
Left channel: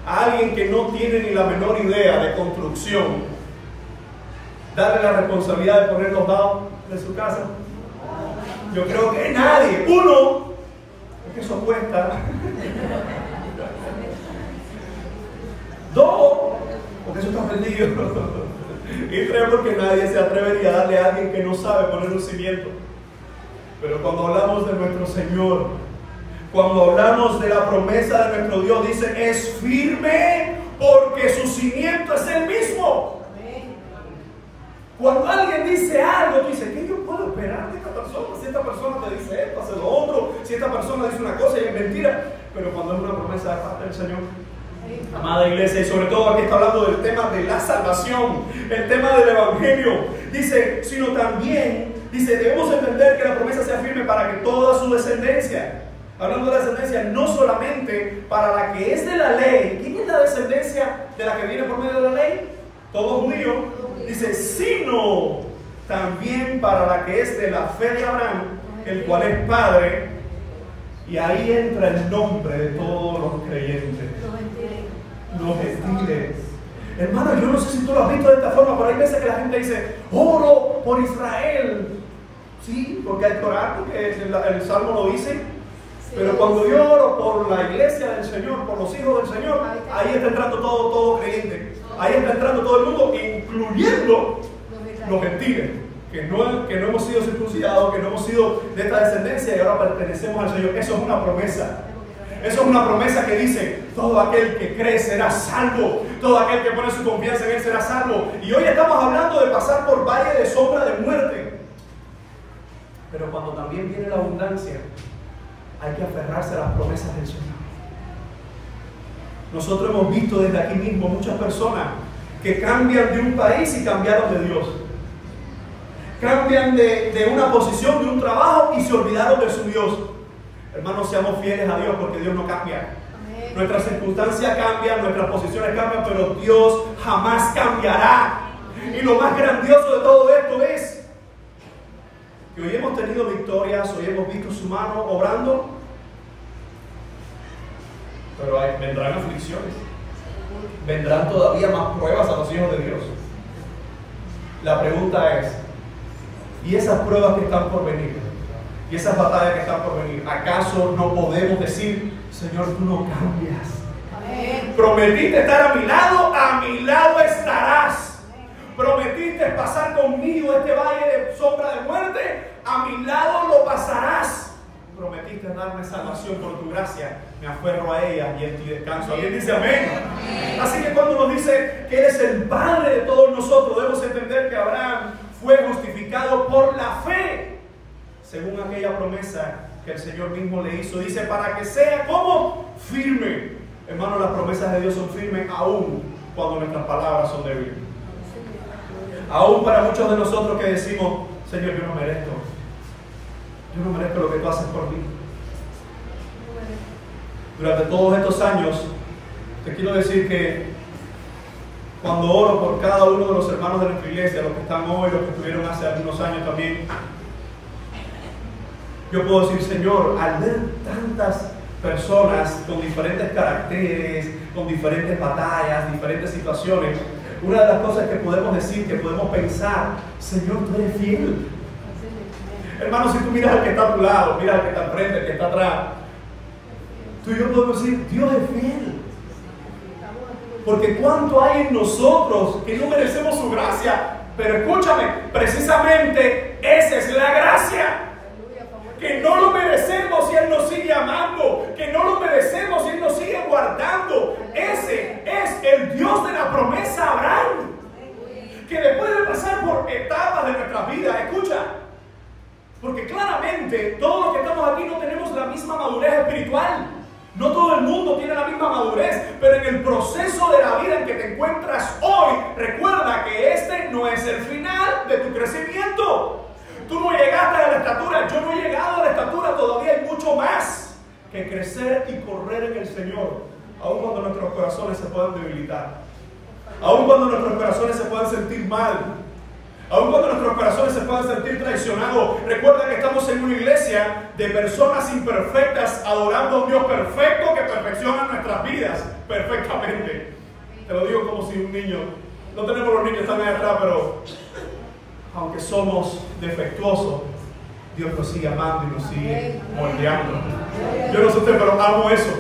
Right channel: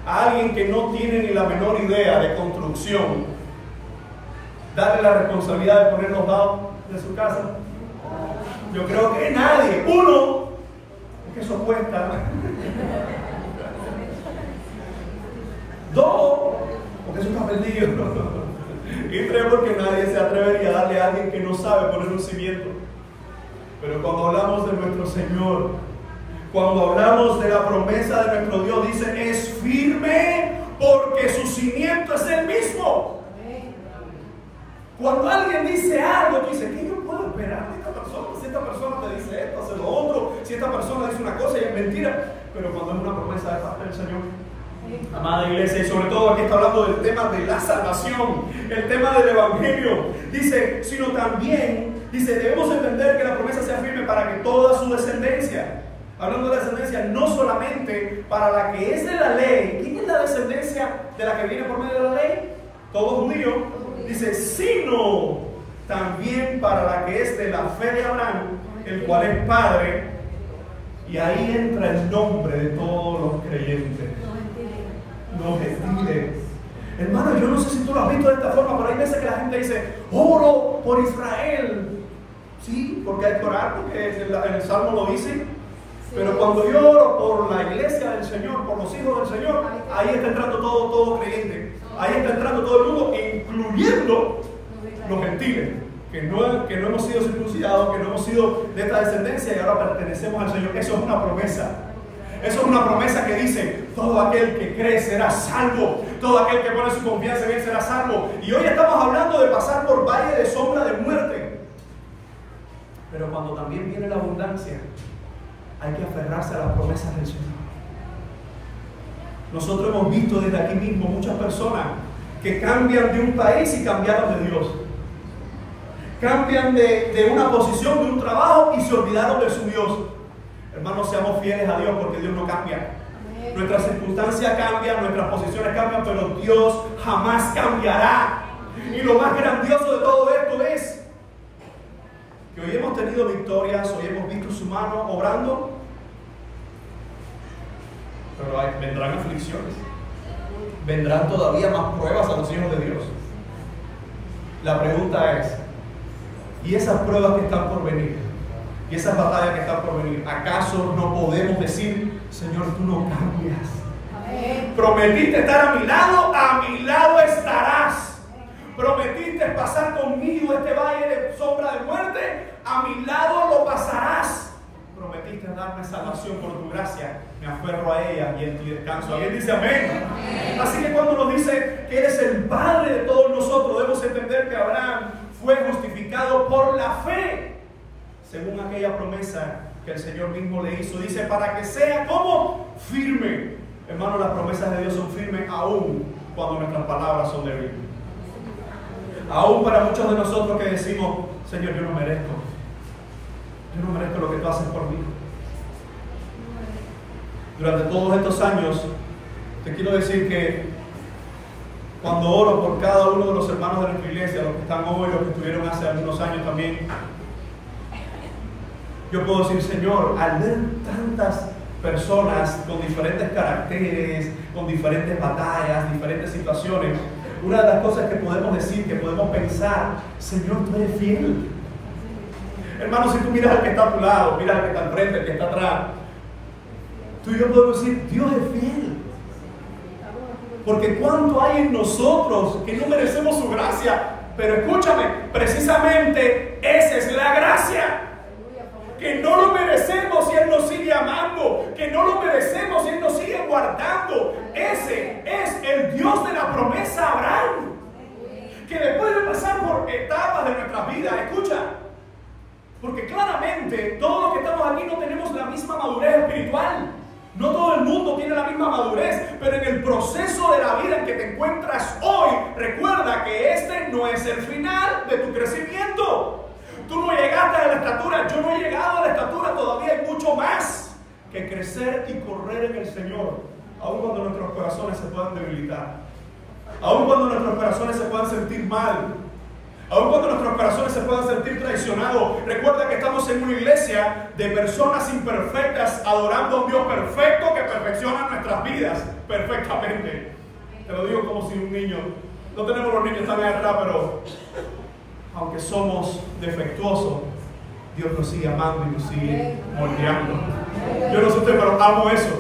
a alguien que no tiene ni la menor idea de construcción darle la responsabilidad de poner los dados de su casa? Yo creo que nadie. Uno, porque eso cuesta. Dos, porque eso está perdido. Y tres, porque nadie se atrevería a darle a alguien que no sabe poner un cimiento. Pero cuando hablamos de nuestro Señor, cuando hablamos de la promesa de nuestro Dios, dice, es firme porque su cimiento es el mismo. Cuando alguien dice algo, tú dices, ¿qué yo puedo esperar de esta persona? Si esta persona te dice esto, hace lo otro. Si esta persona dice una cosa y es mentira. Pero cuando es una promesa de parte del Señor, amada iglesia, y sobre todo aquí está hablando del tema de la salvación, el tema del evangelio, dice, sino también, dice, debemos entender que la promesa sea firme para que toda su descendencia, hablando de la descendencia, no solamente para la que es de la ley. ¿Quién es la descendencia de la que viene por medio de la ley? Todos judíos. Dice, sino también para la que es de la fe de Abraham, el cual es Padre. Y ahí entra el nombre de todos los creyentes, los gentiles. Hermano, yo no sé si tú lo has visto de esta forma, pero hay veces que la gente dice, oro por Israel. Sí, porque hay que orar, porque el Salmo lo dice. Pero cuando yo oro por la iglesia del Señor, por los hijos del Señor, ahí está entrando todo creyente. Ahí está entrando todo el mundo, incluyendo los gentiles, que no hemos sido circuncidados, que no hemos sido de esta descendencia y ahora pertenecemos al Señor. Eso es una promesa. Eso es una promesa que dice, todo aquel que cree será salvo. Todo aquel que pone su confianza en Él será salvo. Y hoy estamos hablando de pasar por valle de sombra de muerte. Pero cuando también viene la abundancia, hay que aferrarse a las promesas del Señor. Nosotros hemos visto desde aquí mismo muchas personas que cambian de un país y cambiaron de Dios. Cambian de una posición, de un trabajo y se olvidaron de su Dios. Hermanos, seamos fieles a Dios porque Dios no cambia. Nuestras circunstancias cambian, nuestras posiciones cambian, pero Dios jamás cambiará. Y lo más grandioso de todo esto es que hoy hemos tenido victorias, hoy hemos visto su mano obrando, pero vendrán aflicciones, vendrán todavía más pruebas a los hijos de Dios. La pregunta es, ¿y esas pruebas que están por venir? ¿Y esas batallas que están por venir? ¿Acaso no podemos decir, Señor, tú no cambias? Prometiste estar a mi lado estarás. Prometiste pasar conmigo este valle de sombra de muerte, a mi lado lo pasarás. Prometiste darme salvación por tu gracia, me aferro a ella y en ti descanso. ¿Alguien dice amén? Así que cuando nos dice que eres el Padre de todos nosotros, debemos entender que Abraham fue justificado por la fe, según aquella promesa que el Señor mismo le hizo. Dice, para que sea como firme. Hermano, las promesas de Dios son firmes aún cuando nuestras palabras son débiles. Aún para muchos de nosotros que decimos, Señor, yo no merezco lo que tú haces por mí. Durante todos estos años, te quiero decir que cuando oro por cada uno de los hermanos de nuestra iglesia, los que están hoy, los que estuvieron hace algunos años también, yo puedo decir, Señor, al ver tantas personas con diferentes caracteres, con diferentes batallas, diferentes situaciones, una de las cosas que podemos decir, que podemos pensar, Señor, tú eres fiel. Hermano, si tú miras al que está a tu lado, miras al que está al frente, al que está atrás, tú y yo podemos decir, Dios es fiel. Porque cuánto hay en nosotros que no merecemos su gracia. Pero escúchame, precisamente esa es la gracia. Que no lo merecemos y Él nos sigue amando. Que no lo merecemos y Él nos sigue guardando. Ese es el Dios de la promesa Abraham. Que después de pasar por etapas de nuestras vidas, escucha, porque claramente todos los que estamos aquí no tenemos la misma madurez espiritual. No todo el mundo tiene la misma madurez, pero en el proceso de la vida en que te encuentras hoy, recuerda que este no es el final de tu crecimiento. Tú no llegaste a la estatura, yo no he llegado a la estatura, todavía hay mucho más que crecer y correr en el Señor, aun cuando nuestros corazones se puedan debilitar, aun cuando nuestros corazones se puedan sentir mal, aun cuando nuestros corazones se puedan sentir traicionados. Recuerda que estamos en una iglesia de personas imperfectas adorando a un Dios perfecto que perfecciona nuestras vidas perfectamente. Te lo digo como si un niño, no tenemos los niños tan allá atrás, pero aunque somos defectuosos, Dios nos sigue amando y nos sigue moldeando. Yo no sé usted, pero amo eso.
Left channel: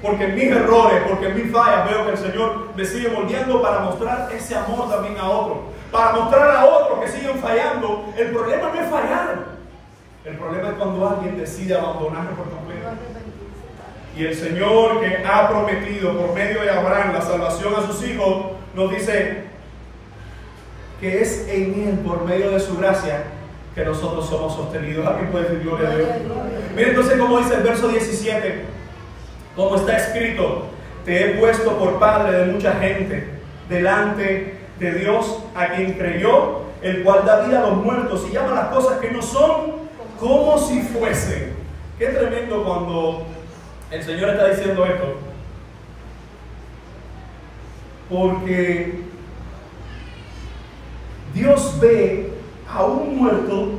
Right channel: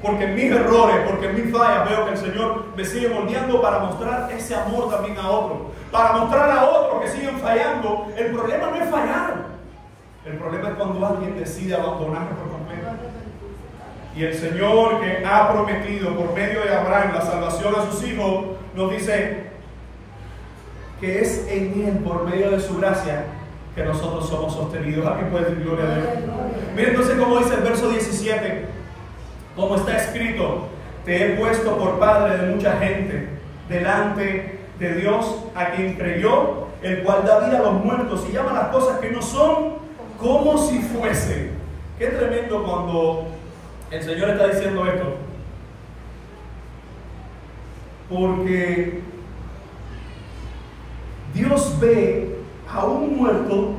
Porque en mis errores, porque en mis fallas veo que el Señor me sigue moldeando para mostrar ese amor también a otros. Para mostrar a otros que siguen fallando. El problema no es fallar. El problema es cuando alguien decide abandonarnos por completo. Y el Señor, que ha prometido por medio de Abraham la salvación a sus hijos, nos dice que es en Él, por medio de su gracia, que nosotros somos sostenidos. ¿Alguien puede decir gloria a Dios? Mira entonces cómo dice el verso 17, como está escrito: te he puesto por padre de mucha gente delante de Dios, a quien creyó, el cual da vida a los muertos y llama las cosas que no son como si fuesen. Qué tremendo cuando el Señor está diciendo esto, porque Dios ve a un muerto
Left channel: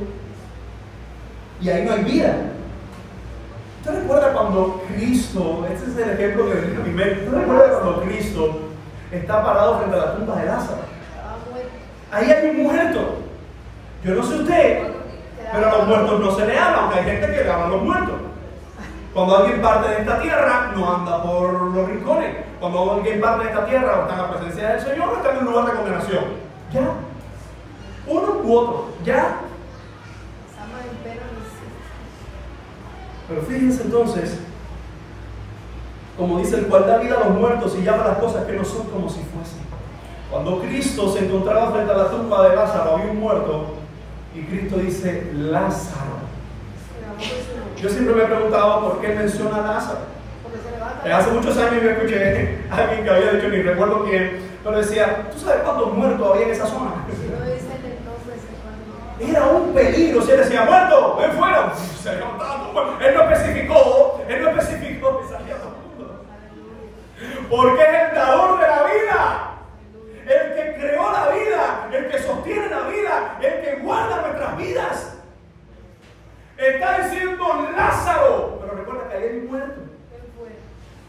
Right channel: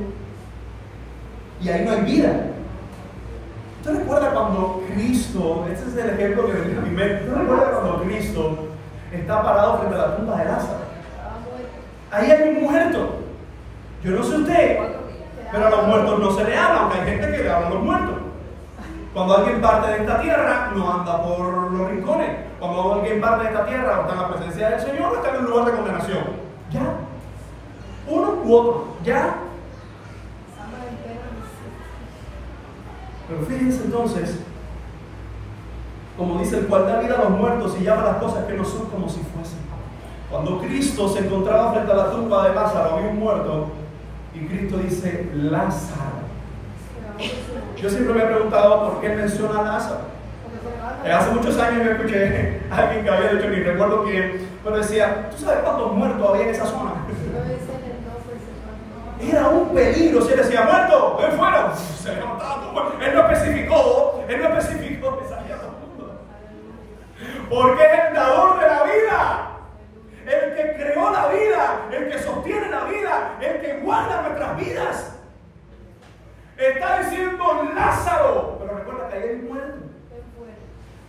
y ahí no hay vida. ¿Usted recuerda cuando Cristo, este es el ejemplo que venía a mi mente, ¿usted recuerda cuando Cristo está parado frente a la tumba de Lázaro? Ahí hay un muerto. Yo no sé usted, pero a los muertos no se le habla, aunque hay gente que le habla a los muertos. Cuando alguien parte de esta tierra, no anda por los rincones. Cuando alguien parte de esta tierra, o está en la presencia del Señor, o está en un lugar de condenación. Ya. Uno u otro. Ya. Pero fíjense entonces, como dice, el cual da vida a los muertos y llama las cosas que no son como si fuesen. Cuando Cristo se encontraba frente a la tumba de Lázaro, había un muerto, y Cristo dice, Lázaro. Yo siempre me he preguntado por qué menciona a Lázaro. Hace muchos años yo escuché a alguien que había dicho, ni recuerdo quién, pero decía, ¿tú sabes cuántos muertos había en esa zona? Era un peligro. Si él decía, muerto, ven fuera, se levantaba. Él no especificó, salía todo el mundo. Porque es el dador de la vida, el que creó la vida, el que sostiene la vida, el que guarda nuestras vidas. Está diciendo Lázaro, pero recuerda que ahí hay un muerto.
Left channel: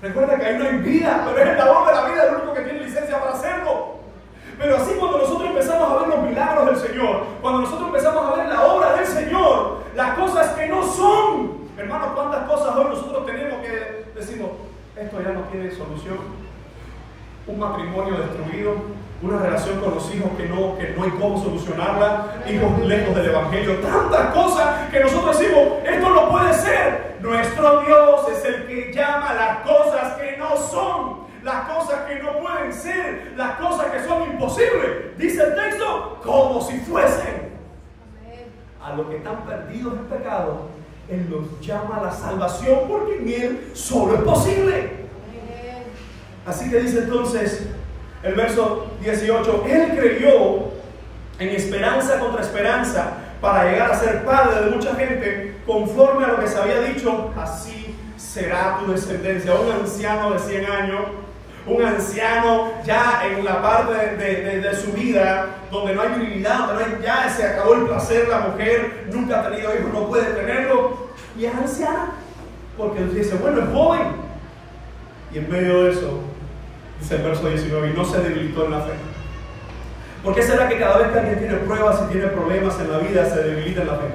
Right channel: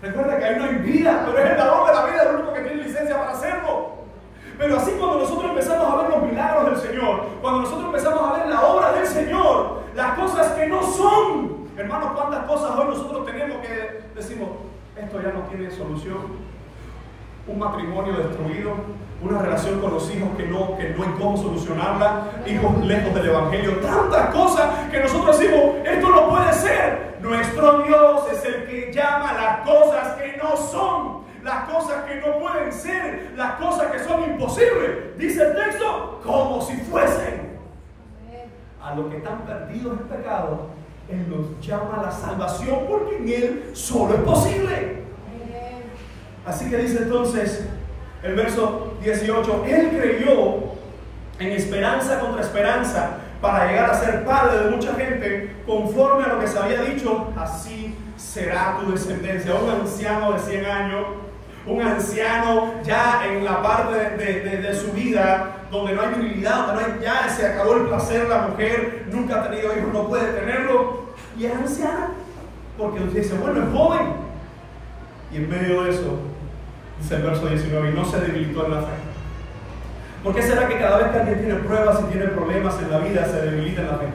Recuerda que ahí no hay vida, pero es el dador de la vida, el único que tiene licencia para hacerlo. Pero así cuando nosotros empezamos a ver los milagros del Señor, cuando nosotros empezamos a ver la obra del Señor, las cosas que no son, hermanos, cuántas cosas hoy nosotros tenemos que decimos, esto ya no tiene solución. Un matrimonio destruido, una relación con los hijos que no hay cómo solucionarla, hijos lejos del Evangelio, tantas cosas que nosotros decimos, esto no puede ser. Nuestro Dios es el que llama las cosas que no son, las cosas que no pueden ser, las cosas que son imposibles, dice el texto, como si fuesen. A los que están perdidos en pecado, Él los llama a la salvación porque en Él solo es posible. Así que dice entonces el verso 18, Él creyó en esperanza contra esperanza para llegar a ser padre de mucha gente, conforme a lo que se había dicho, así será tu descendencia. Un anciano de 100 años, un anciano ya en la parte de su vida, donde no hay virilidad, donde no hay, ya se acabó el placer, la mujer nunca ha tenido hijos, no puede tenerlo, y es anciana, porque dice, bueno, es joven. Y en medio de eso, dice el verso 19, y no se debilitó en la fe. ¿Por qué será que cada vez que alguien tiene pruebas y tiene problemas en la vida se debilita en la fe?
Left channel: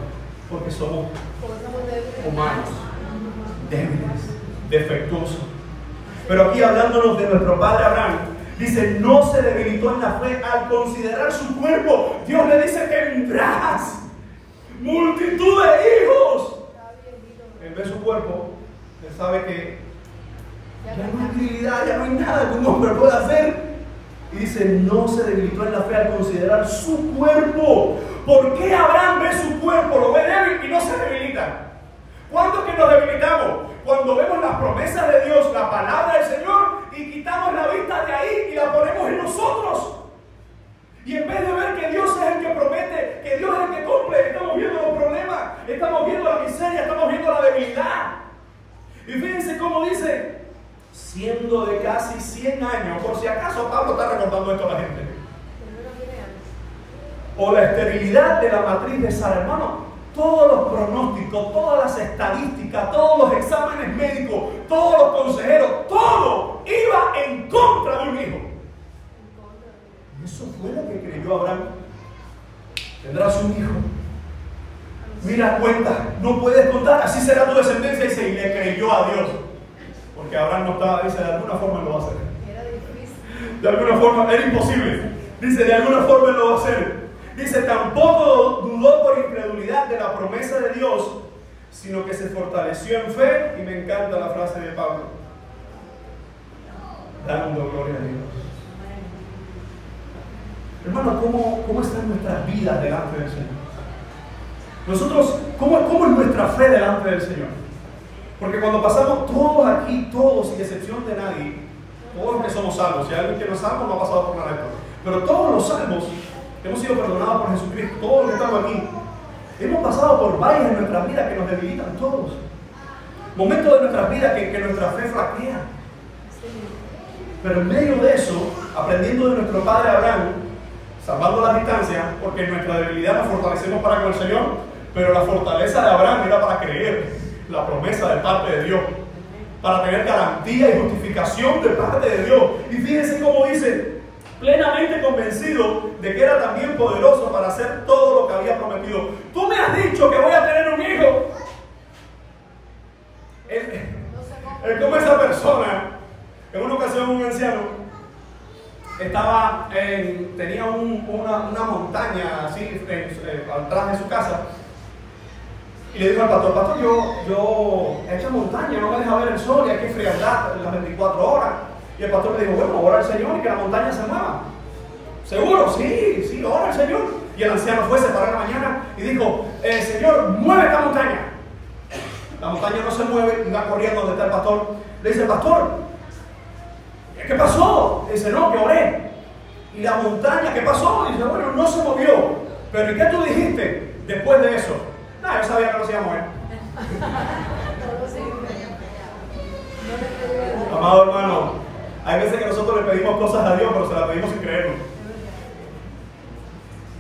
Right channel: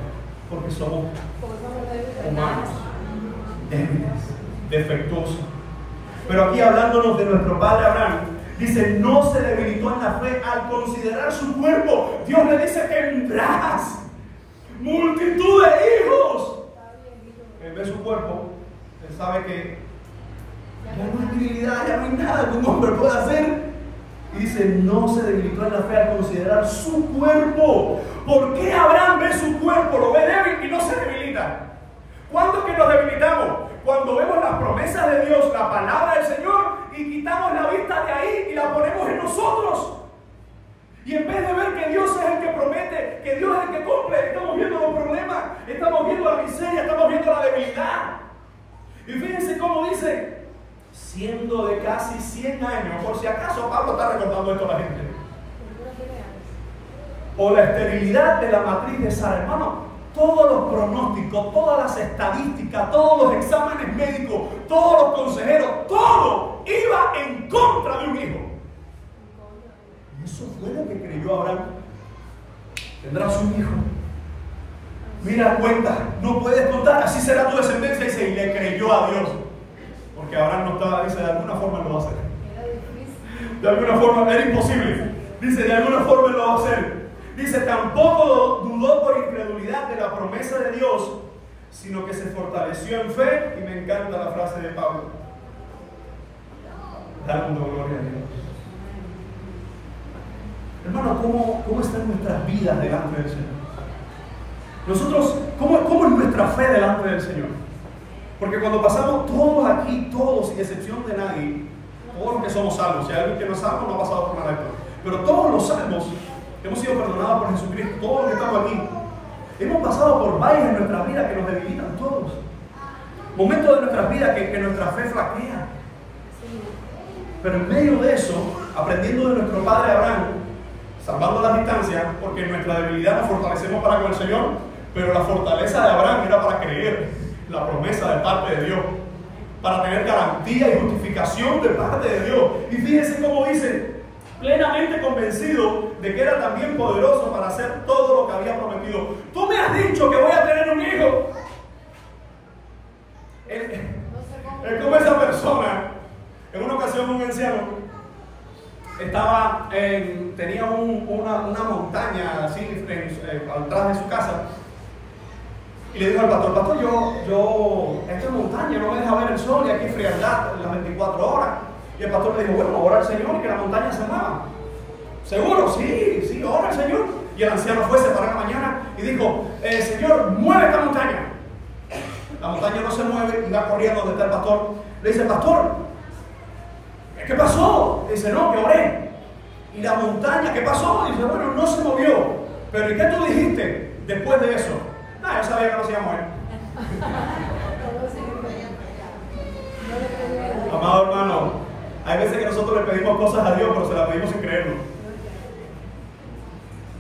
Porque somos humanos, débiles, defectuosos. Pero aquí hablándonos de nuestro padre Abraham, dice, no se debilitó en la fe al considerar su cuerpo. Dios le dice, tendrás multitud de hijos. Él ve su cuerpo, él sabe que ya no hay virilidad, ya no hay nada que un hombre pueda hacer. Y dice, no se debilitó en la fe al considerar su cuerpo. ¿Por qué Abraham ve su cuerpo, lo ve débil y no se debilita? ¿Cuándo es que nos debilitamos? Cuando vemos las promesas de Dios, la palabra del Señor, y quitamos la vista de ahí y la ponemos en nosotros. Y en vez de ver que Dios es el que promete, que Dios es el que cumple, estamos viendo los problemas, estamos viendo la miseria, estamos viendo la debilidad. Y fíjense cómo dice, siendo de casi 100 años, por si acaso Pablo está recordando esto a la gente, o la esterilidad de la matriz de Sara, hermano, todos los pronósticos, todas las estadísticas, todos los exámenes médicos, todos los consejeros, todo iba en contra de un hijo. Y eso fue lo que creyó Abraham. Tendrás un hijo. Mira, cuenta, no puedes contar, así será tu descendencia. Y le creyó a Dios. Porque Abraham no estaba, dice, de alguna forma lo va a hacer. De alguna forma, era imposible. Dice, de alguna forma lo va a hacer. Dice, tampoco dudó por incredulidad de la promesa de Dios, sino que se fortaleció en fe. Y me encanta la frase de Pablo, dando gloria a Dios. Hermano, ¿cómo están nuestras vidas delante del Señor? Nosotros, ¿cómo es nuestra fe delante del Señor? Porque cuando pasamos todos aquí, todos, sin excepción de nadie, todos los que somos salvos, si hay alguien que no es salvo, no ha pasado por nada esto, pero todos los salvos hemos sido perdonados por Jesucristo, todos los que estamos aquí, hemos pasado por valles en nuestra vida que nos debilitan todos. Momentos de nuestras vidas que nuestra fe flaquea. Pero en medio de eso, aprendiendo de nuestro padre Abraham, salvando las distancias, porque en nuestra debilidad nos fortalecemos para con el Señor, pero la fortaleza de Abraham era para creer la promesa de parte de Dios, para tener garantía y justificación de parte de Dios. Y fíjense cómo dice, plenamente convencido de que era también poderoso para hacer todo lo que había prometido. Tú me has dicho que voy a tener un hijo. Él como esa persona, en una ocasión un anciano tenía una montaña así atrás de su casa. Y le dijo al pastor, esta montaña no me deja ver el sol y hay que frialdad las 24 horas. Y el pastor le dijo, bueno, ora al Señor y que la montaña se mueva. ¿Seguro? Sí, ora al Señor. Y el anciano fue, se paró en la mañana y dijo, Señor, mueve esta montaña. La montaña no se mueve y va corriendo donde está el pastor. Le dice, pastor, ¿qué pasó? Le dice, no, que oré. ¿Y la montaña qué pasó? Y dice, bueno, no se movió. Pero ¿y qué tú dijiste después de eso? Yo sabía que no se iba a mover. Amado hermano, hay veces que nosotros le pedimos cosas a Dios, pero se las pedimos sin creerlo.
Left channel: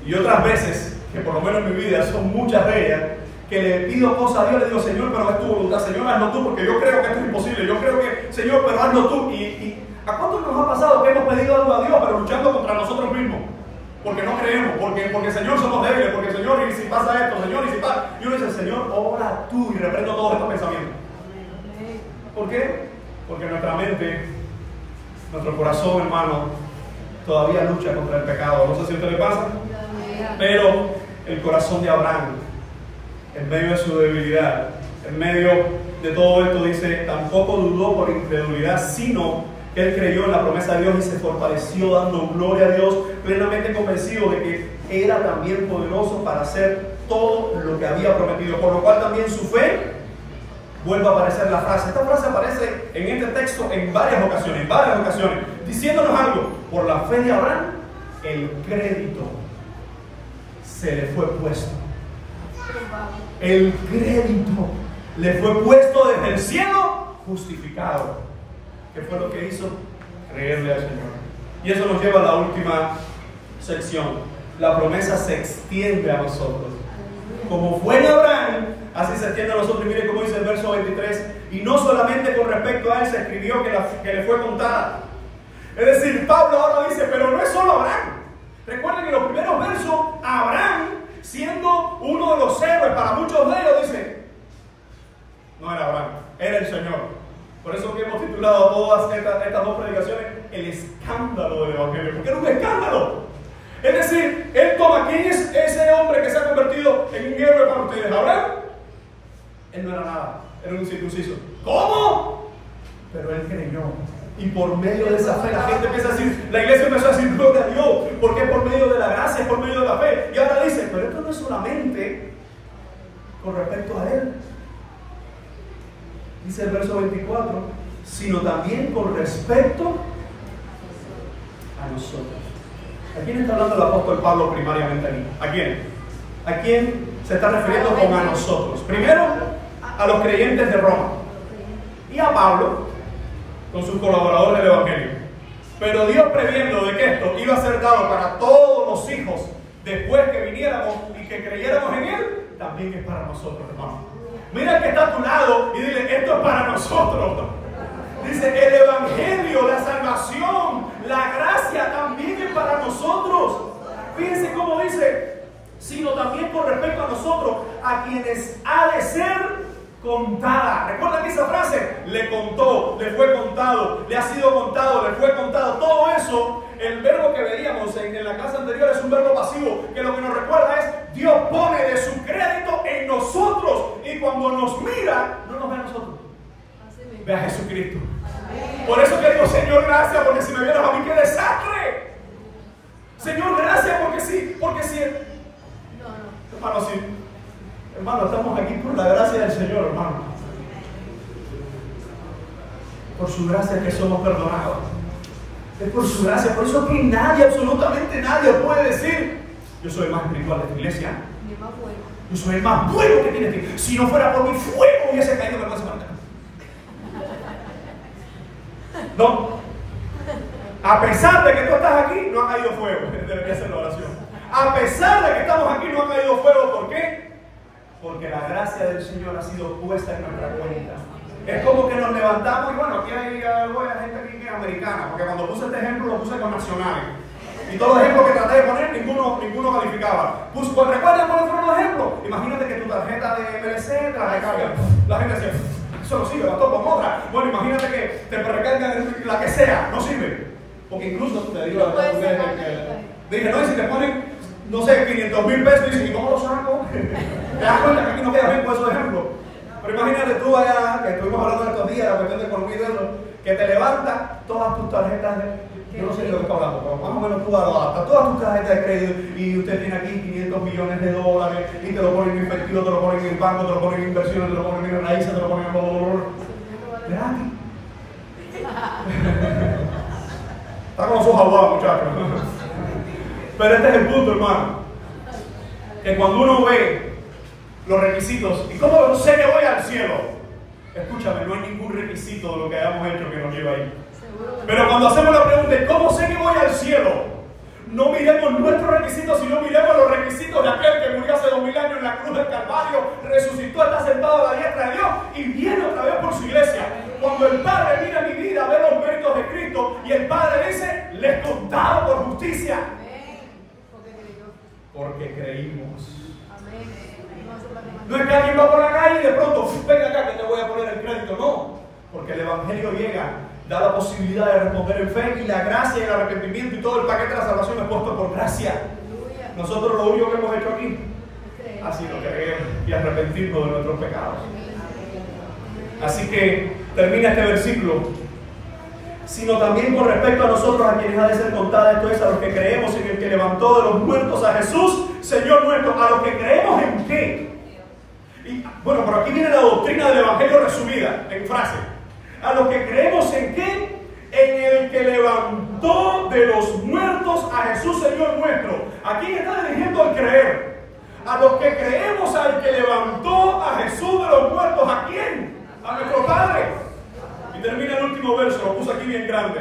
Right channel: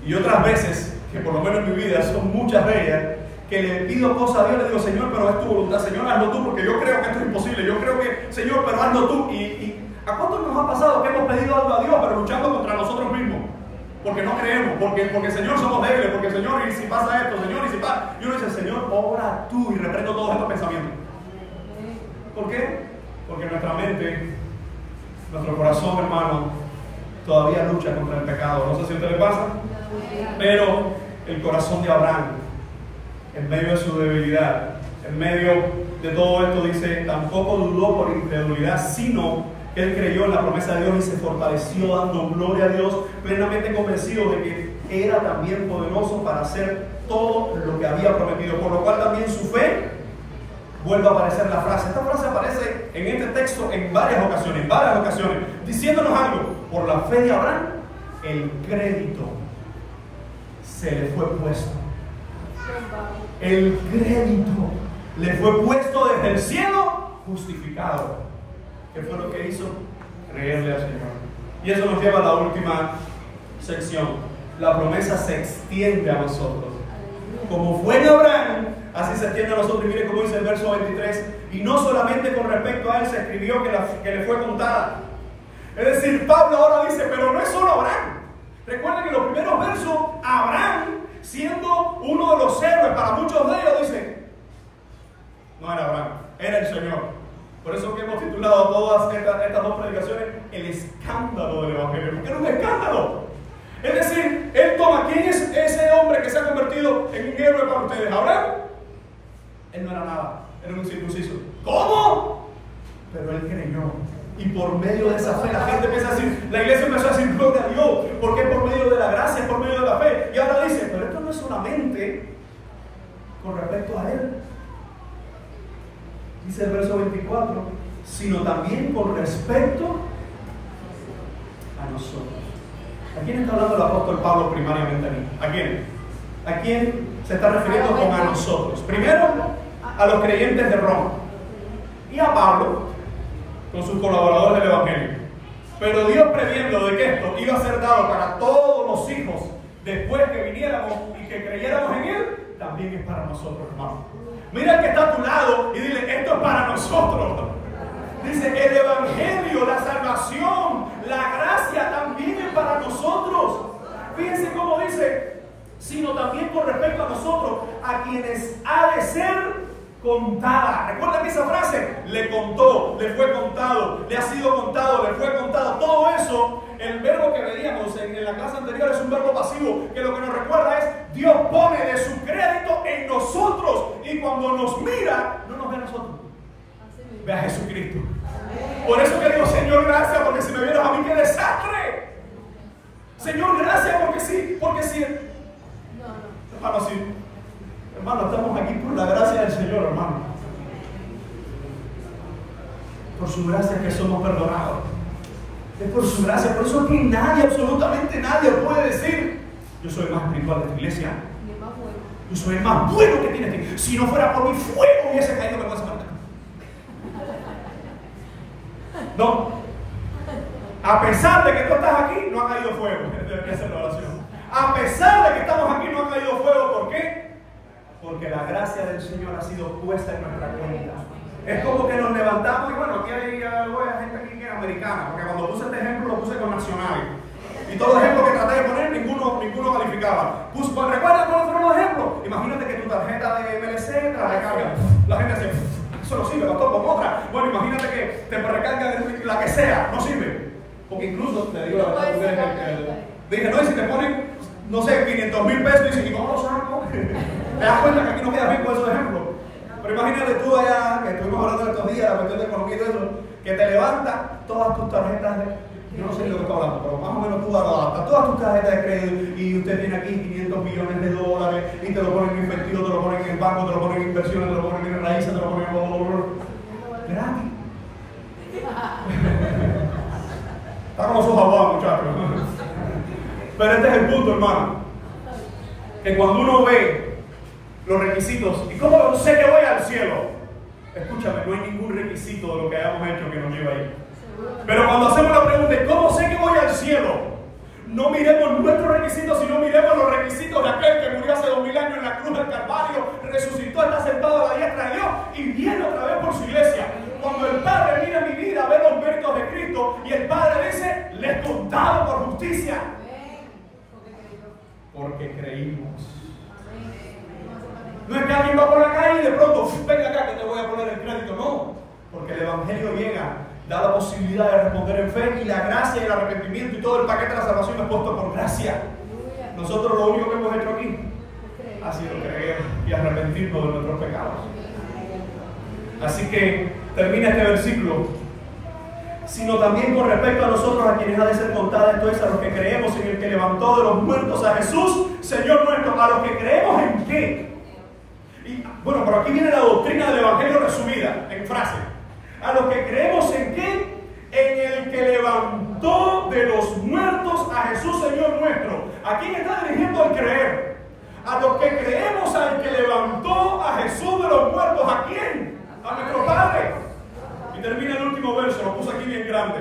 Y otras veces, que por lo menos en mi vida son muchas de ellas, que le pido cosas a Dios, le digo, Señor, pero es tu voluntad, Señor, hazlo tú, porque yo creo que esto es imposible, yo creo que, Señor, pero hazlo tú. ¿A cuántos nos ha pasado que hemos pedido algo a Dios, pero luchando contra nosotros mismos? porque no creemos, porque Señor somos débiles, porque Señor, y si pasa esto, Señor, y si pasa. Y uno dice, Señor, ora tú, y reprendo todos estos pensamientos. ¿Por qué? Porque nuestra mente, nuestro corazón, hermano, todavía lucha contra el pecado. No sé si a usted le pasa, pero el corazón de Abraham, en medio de su debilidad, en medio de todo esto, dice, tampoco dudó por incredulidad, sino que él creyó en la promesa de Dios y se fortaleció dando gloria a Dios, plenamente convencido de que era también poderoso para hacer todo lo que había prometido, por lo cual también su fe, vuelve a aparecer la frase. Esta frase aparece en este texto en varias ocasiones, diciéndonos algo. Por la fe de Abraham, el crédito se le fue puesto. El crédito le fue puesto desde el cielo, justificado. ¿Qué fue lo que hizo? Creerle al Señor. Y eso nos lleva a la última sección. La promesa se extiende a nosotros. Como fue en Abraham, así se extiende a nosotros. Y mire cómo dice el verso 23. Y no solamente con respecto a él se escribió que le fue contada. Es decir, Pablo ahora dice, pero no es solo Abraham. Recuerden que en los primeros versos, Abraham, siendo uno de los héroes para muchos de ellos, dice, no era Abraham, era el Señor. Por eso que hemos titulado a todas estas dos predicaciones el escándalo del Evangelio, porque era un escándalo. Es decir, él toma, ¿quién es ese hombre que se ha convertido en un héroe para ustedes? ¿Abraham? Él no era nada, era un incircunciso. ¿Cómo? Pero él creyó. Y por medio de esa fe la gente empieza a decir, la iglesia empezó a decir gloria a Dios, porque es por medio de la gracia, es por medio de la fe. Y ahora dice, pero esto no es solamente con respecto a él. Dice el verso 24, sino también con respecto a nosotros. ¿A quién está hablando el apóstol Pablo primariamente aquí? ¿A quién? ¿A quién se está refiriendo con a nosotros? Primero, a los creyentes de Roma. Y a Pablo, con sus colaboradores del Evangelio. Pero Dios, previendo de que esto iba a ser dado para todos los hijos después que viniéramos y que creyéramos en Él, también es para nosotros, hermano. Mira el que está a tu lado y dile, esto es para nosotros. Dice, el Evangelio, la salvación, la gracia también es para nosotros. Fíjense cómo dice, sino también con respecto a nosotros, a quienes ha de ser contada. Recuerda que esa frase, le contó, le fue contado, le ha sido contado, le fue contado. Todo eso, el verbo que veíamos en la clase anterior es un verbo pasivo, que lo que nos recuerda es, Dios pone de su crédito en nosotros, y cuando nos mira, no nos ve a nosotros, ve a Jesucristo. Por eso que digo, Señor, gracias, porque si me vieras a mí, qué desastre. Señor, gracias, porque sí. Hermano, sí. Hermano, estamos aquí por la gracia del Señor, hermano. Por su gracia que somos perdonados. Es por su gracia. Por eso que nadie, absolutamente nadie puede decir, yo soy el más espiritual de esta iglesia. Yo soy el más bueno que tiene esta iglesia. Si no fuera por mi fuego hubiese caído vergüenza para acá. No. A pesar de que tú estás aquí, no ha caído fuego. Debería ser la oración. A pesar de que estamos aquí, no ha caído fuego. ¿Por qué? Porque la gracia del Señor ha sido puesta en nuestra cuenta. Es como que nos levantamos y bueno, aquí hay gente aquí que es americana, porque cuando puse este ejemplo lo puse con nacionales. Y todos los ejemplos que traté de poner, ninguno calificaba. Pues, ¿recuerdan cuáles fueron los ejemplos? Imagínate que tu tarjeta de MLC te la recargan. La gente dice, eso no sirve, la toco con otra. Bueno, imagínate que te recargan la que sea, no sirve. Porque incluso, te digo la verdad, dije, no, y si te ponen, no sé, 500,000 pesos, y dices, ¿y cómo lo saco? Te das cuenta que aquí no queda bien con esos ejemplos. Pero imagínate tú allá, que estuvimos hablando estos días, la cuestión de economía y de eso, que te levantas todas tus tarjetas yo no sé de lo que estoy hablando, pero más o menos tú adaptas todas tus tarjetas de crédito y usted tiene aquí 500 millones de dólares y te lo ponen invertido, te lo ponen en banco, te lo ponen en inversiones, te lo ponen en raíces, te lo ponen en gratis. Está con los ojos aguados, muchachos. Pero este es el punto, hermano. Que cuando uno ve los requisitos, ¿y cómo sé que voy al cielo? Escúchame, no hay ningún requisito de lo que hayamos hecho que nos lleve ahí. Pero cuando hacemos la pregunta, ¿cómo sé que voy al cielo? No miremos nuestros requisitos, sino miremos los requisitos de aquel que murió hace 2000 años en la cruz del Calvario, resucitó, está sentado a la diestra de Dios y viene otra vez por su iglesia. Cuando el Padre mira mi vida, ve los méritos de Cristo y el Padre dice, le he contado por justicia. porque creímos. No es que alguien va por la calle y de pronto, venga acá que te voy a poner el crédito. No, porque el Evangelio llega, da la posibilidad de responder en fe, y la gracia y el arrepentimiento y todo el paquete de la salvación es puesto por gracia. Nosotros lo único que hemos hecho aquí ha sido creer y arrepentirnos de nuestros pecados. Así que termina este versículo. Sino también con respecto a nosotros, a quienes ha de ser contada, esto es, a los que creemos en el que levantó de los muertos a Jesús, Señor nuestro. ¿A los que creemos en qué? Y bueno, pero aquí viene la doctrina del Evangelio resumida en frase. ¿A los que creemos en qué? En el que levantó de los muertos a Jesús, Señor nuestro. ¿A quién está dirigiendo el creer? A los que creemos al que levantó a Jesús de los muertos. ¿A quién? A nuestro Padre. Y termina el último verso, lo puse aquí bien grande.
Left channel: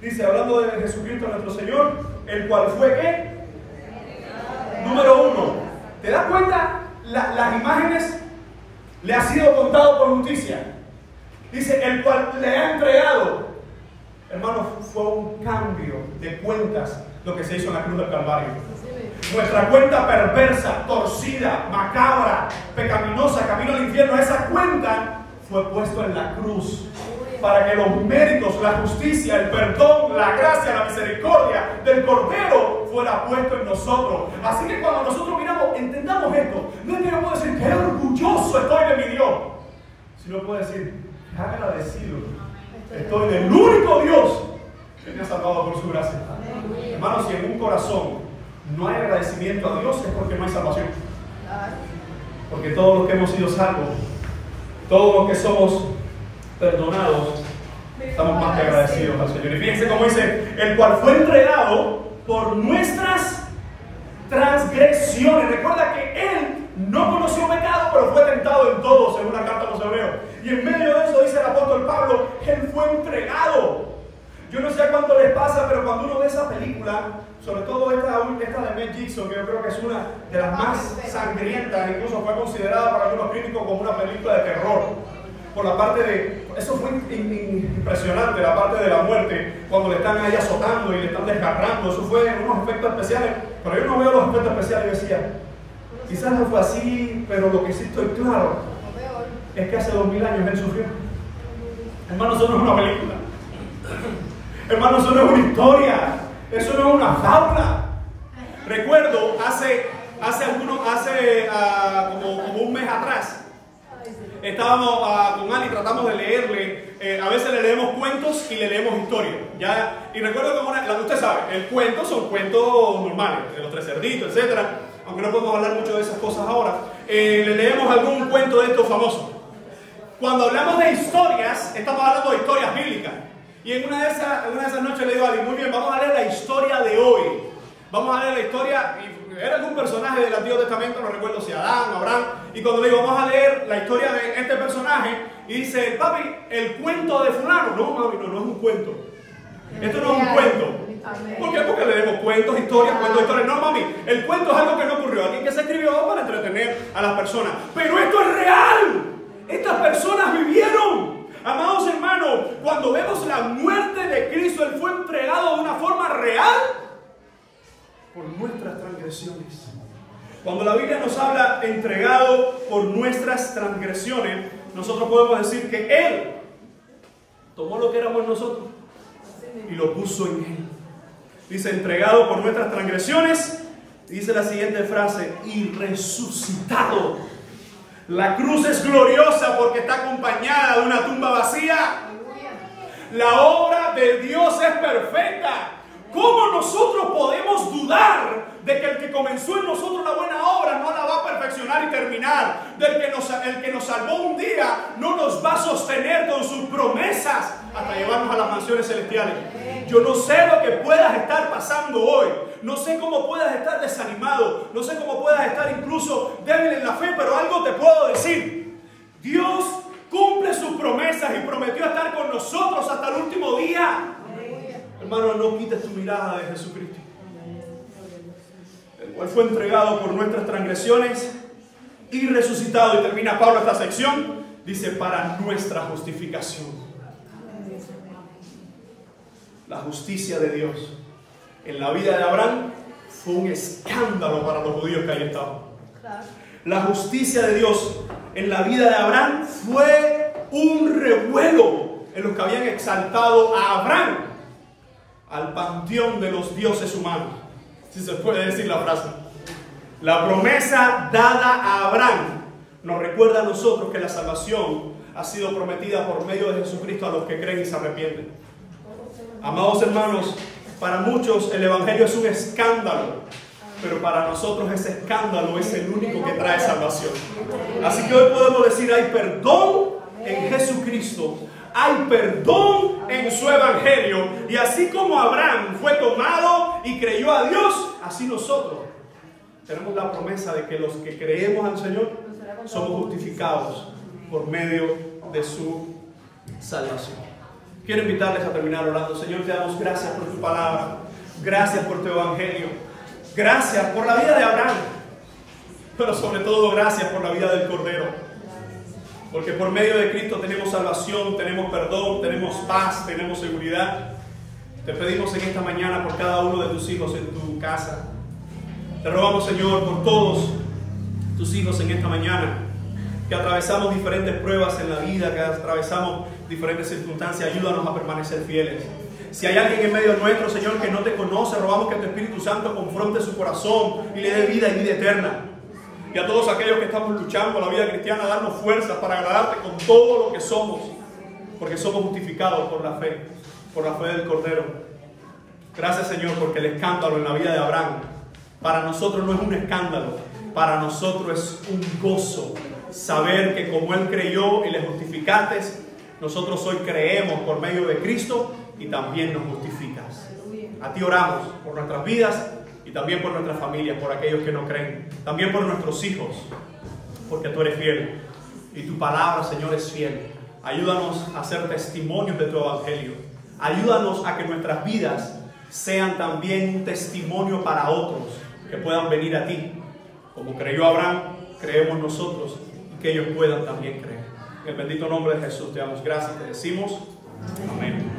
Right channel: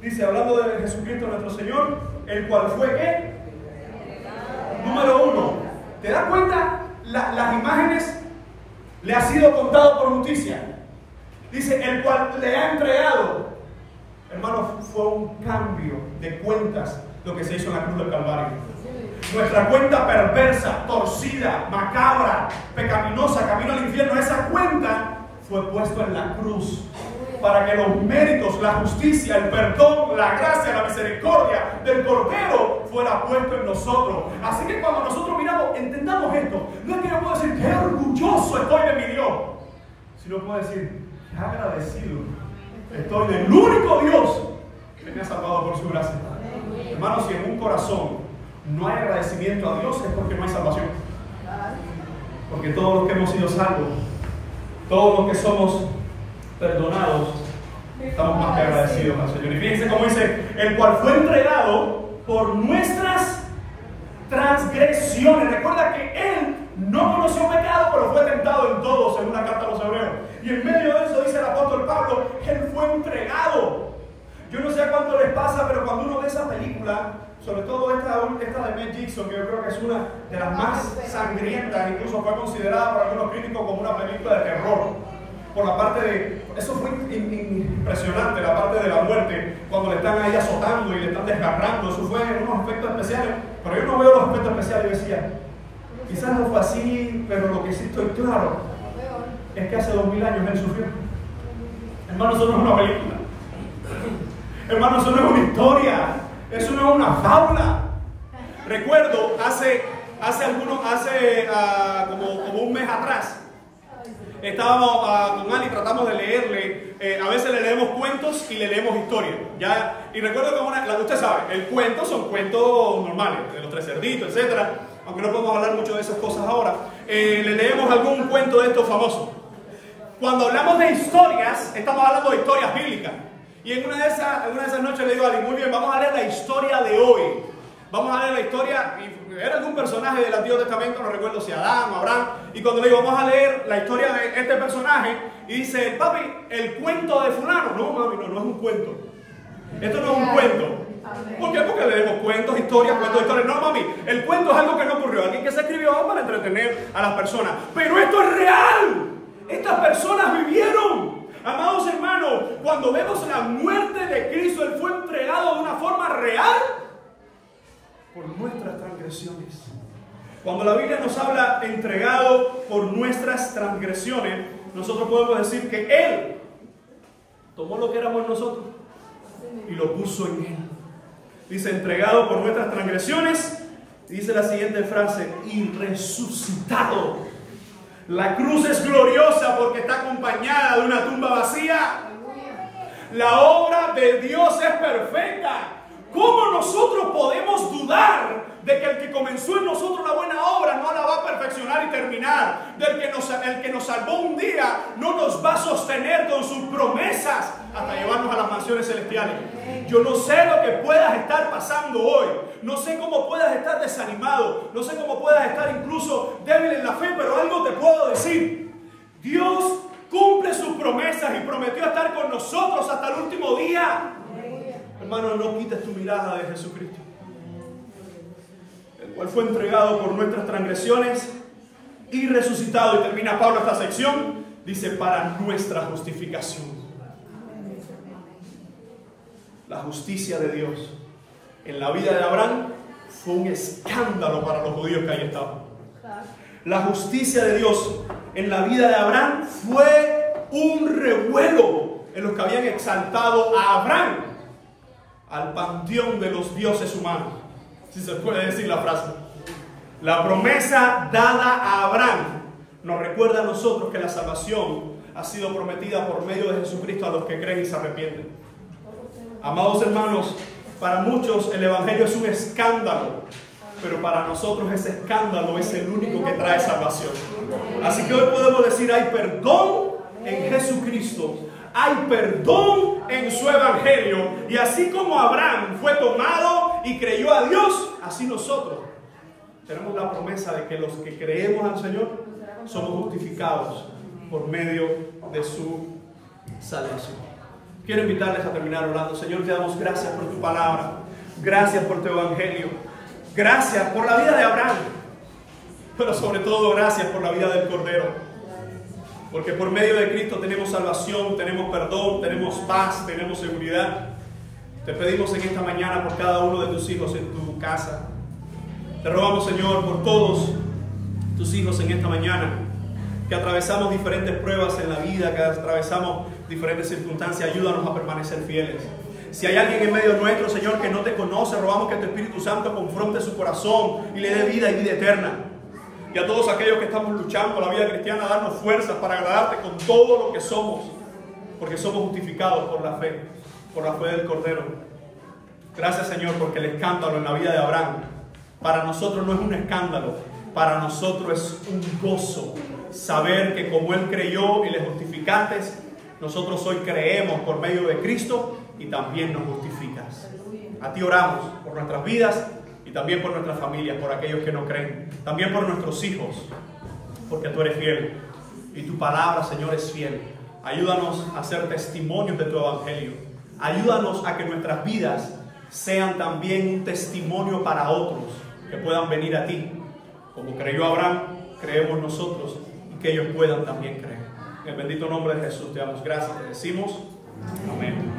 Dice, hablando de Jesucristo nuestro Señor, el cual fue ¿qué? Número 1. ¿Te das cuenta? Las imágenes le ha sido contado por justicia. Dice, el cual le ha entregado. Hermanos, fue un cambio de cuentas lo que se hizo en la cruz del Calvario. Nuestra cuenta perversa, torcida, macabra, pecaminosa, camino al infierno, esa cuenta fue puesto en la cruz para que los méritos, la justicia, el perdón, la gracia, la misericordia del Cordero fuera puesto en nosotros. Así que cuando nosotros miramos, entendamos esto. No es que yo pueda decir qué orgulloso estoy de mi Dios, sino puedo decir qué agradecido estoy del único Dios que me ha salvado por su gracia. Hermanos, si en un corazón no hay agradecimiento a Dios, es porque no hay salvación. Porque todos los que hemos sido salvos, todos los que somos perdonados, estamos más que agradecidos al Señor. Y fíjense cómo dice, el cual fue entregado por nuestras transgresiones. Recuerda que Él no conoció pecado, pero fue tentado en todo, según la carta a los Hebreos. Y en medio de eso dice el apóstol Pablo, Él fue entregado. Yo no sé a cuánto les pasa, pero cuando uno ve esa película, sobre todo esta de Mel Gibson, que yo creo que es una de las más sangrientas, incluso fue considerada por algunos críticos como una película de terror, por la parte de, eso fue impresionante, la parte de la muerte, cuando le están ahí azotando y le están desgarrando, eso fue unos efectos especiales, pero yo no veo los efectos especiales y decía, quizás no fue así, pero lo que sí estoy claro es que hace 2000 años Él sufrió. Hermanos, eso no es una película. Hermanos, eso no es una historia. Eso no es una fábula. Recuerdo como un mes atrás, estábamos con Ali, tratamos de leerle, a veces le leemos cuentos y le leemos historias. Y recuerdo que usted sabe, el cuento son cuentos normales, de los tres cerditos, etc. Aunque no podemos hablar mucho de esas cosas ahora. Le leemos algún cuento de estos famosos. Cuando hablamos de historias, estamos hablando de historias bíblicas. Y en una de esas noches le digo a Ali, muy bien, vamos a leer la historia de hoy. Vamos a leer la historia, y era algún personaje del Antiguo Testamento, no recuerdo si Adán o Abraham. Y cuando le digo, vamos a leer la historia de este personaje, y dice, papi, el cuento de fulano. No, mami, no es un cuento. Esto no es un cuento. ¿Por qué? Porque leemos cuentos, historias. No, mami, el cuento es algo que no ocurrió. Alguien que se escribió para entretener a las personas. Pero esto es real. Estas personas vivieron. Amados hermanos, cuando vemos la muerte de Cristo, Él fue entregado de una forma real por nuestras transgresiones. Cuando la Biblia nos habla entregado por nuestras transgresiones, nosotros podemos decir que Él tomó lo que éramos nosotros y lo puso en Él. Dice, entregado por nuestras transgresiones, y dice la siguiente frase, y resucitado. La cruz es gloriosa porque está acompañada de una tumba vacía. La obra de Dios es perfecta. ¿Cómo nosotros podemos dudar de que el que comenzó en nosotros la buena obra no la va a perfeccionar y terminar? El que nos salvó un día no nos va a sostener con sus promesas hasta llevarnos a las mansiones celestiales. Yo no sé lo que puedas estar pasando hoy. No sé cómo puedas estar desanimado. No sé cómo puedas estar incluso débil en la fe, pero algo te puedo decir. Dios cumple sus promesas y prometió estar con nosotros hasta el último día. Hermano, no quites tu mirada de Jesucristo, el cual fue entregado por nuestras transgresiones y resucitado. Y termina Pablo esta sección, dice, para nuestra justificación. La justicia de Dios en la vida de Abraham fue un escándalo para los judíos que ahí estaban. La justicia de Dios en la vida de Abraham fue un revuelo en los que habían exaltado a Abraham al panteón de los dioses humanos, si se puede decir la frase. La promesa dada a Abraham nos recuerda a nosotros que la salvación ha sido prometida por medio de Jesucristo a los que creen y se arrepienten. Amados hermanos, para muchos el Evangelio es un escándalo, pero para nosotros ese escándalo es el único que trae salvación. Así que hoy podemos decir, hay perdón en Jesucristo, hay perdón en su Evangelio, y así como Abraham fue tomado y creyó a Dios, así nosotros tenemos la promesa de que los que creemos al Señor somos justificados por medio de su salvación. Quiero invitarles a terminar orando. Señor, te damos gracias por tu palabra, gracias por tu Evangelio, gracias por la vida de Abraham, pero sobre todo gracias por la vida del Cordero, porque por medio de Cristo tenemos salvación, tenemos perdón, tenemos paz, tenemos seguridad. Te pedimos en esta mañana por cada uno de tus hijos en tu casa. Te rogamos, Señor, por todos tus hijos en esta mañana, que atravesamos diferentes pruebas en la vida, que atravesamos diferentes circunstancias. Ayúdanos a permanecer fieles. Si hay alguien en medio nuestro, Señor, que no te conoce, rogamos que tu Espíritu Santo confronte su corazón y le dé vida y vida eterna. Y a todos aquellos que estamos luchando la vida cristiana, darnos fuerzas para agradarte con todo lo que somos, porque somos justificados por la fe del Cordero. Gracias, Señor, porque el escándalo en la vida de Abraham para nosotros no es un escándalo, para nosotros es un gozo saber que como Él creyó y le justificaste, nosotros hoy creemos por medio de Cristo y también nos justificas. A ti oramos por nuestras vidas y también por nuestras familias, por aquellos que no creen, también por nuestros hijos, porque tú eres fiel y tu palabra, Señor, es fiel. Ayúdanos a ser testimonios de tu Evangelio. Ayúdanos a que nuestras vidas sean también un testimonio para otros que puedan venir a ti. Como creyó Abraham, creemos nosotros y que ellos puedan también creer. En el bendito nombre de Jesús te damos gracias y te decimos amén.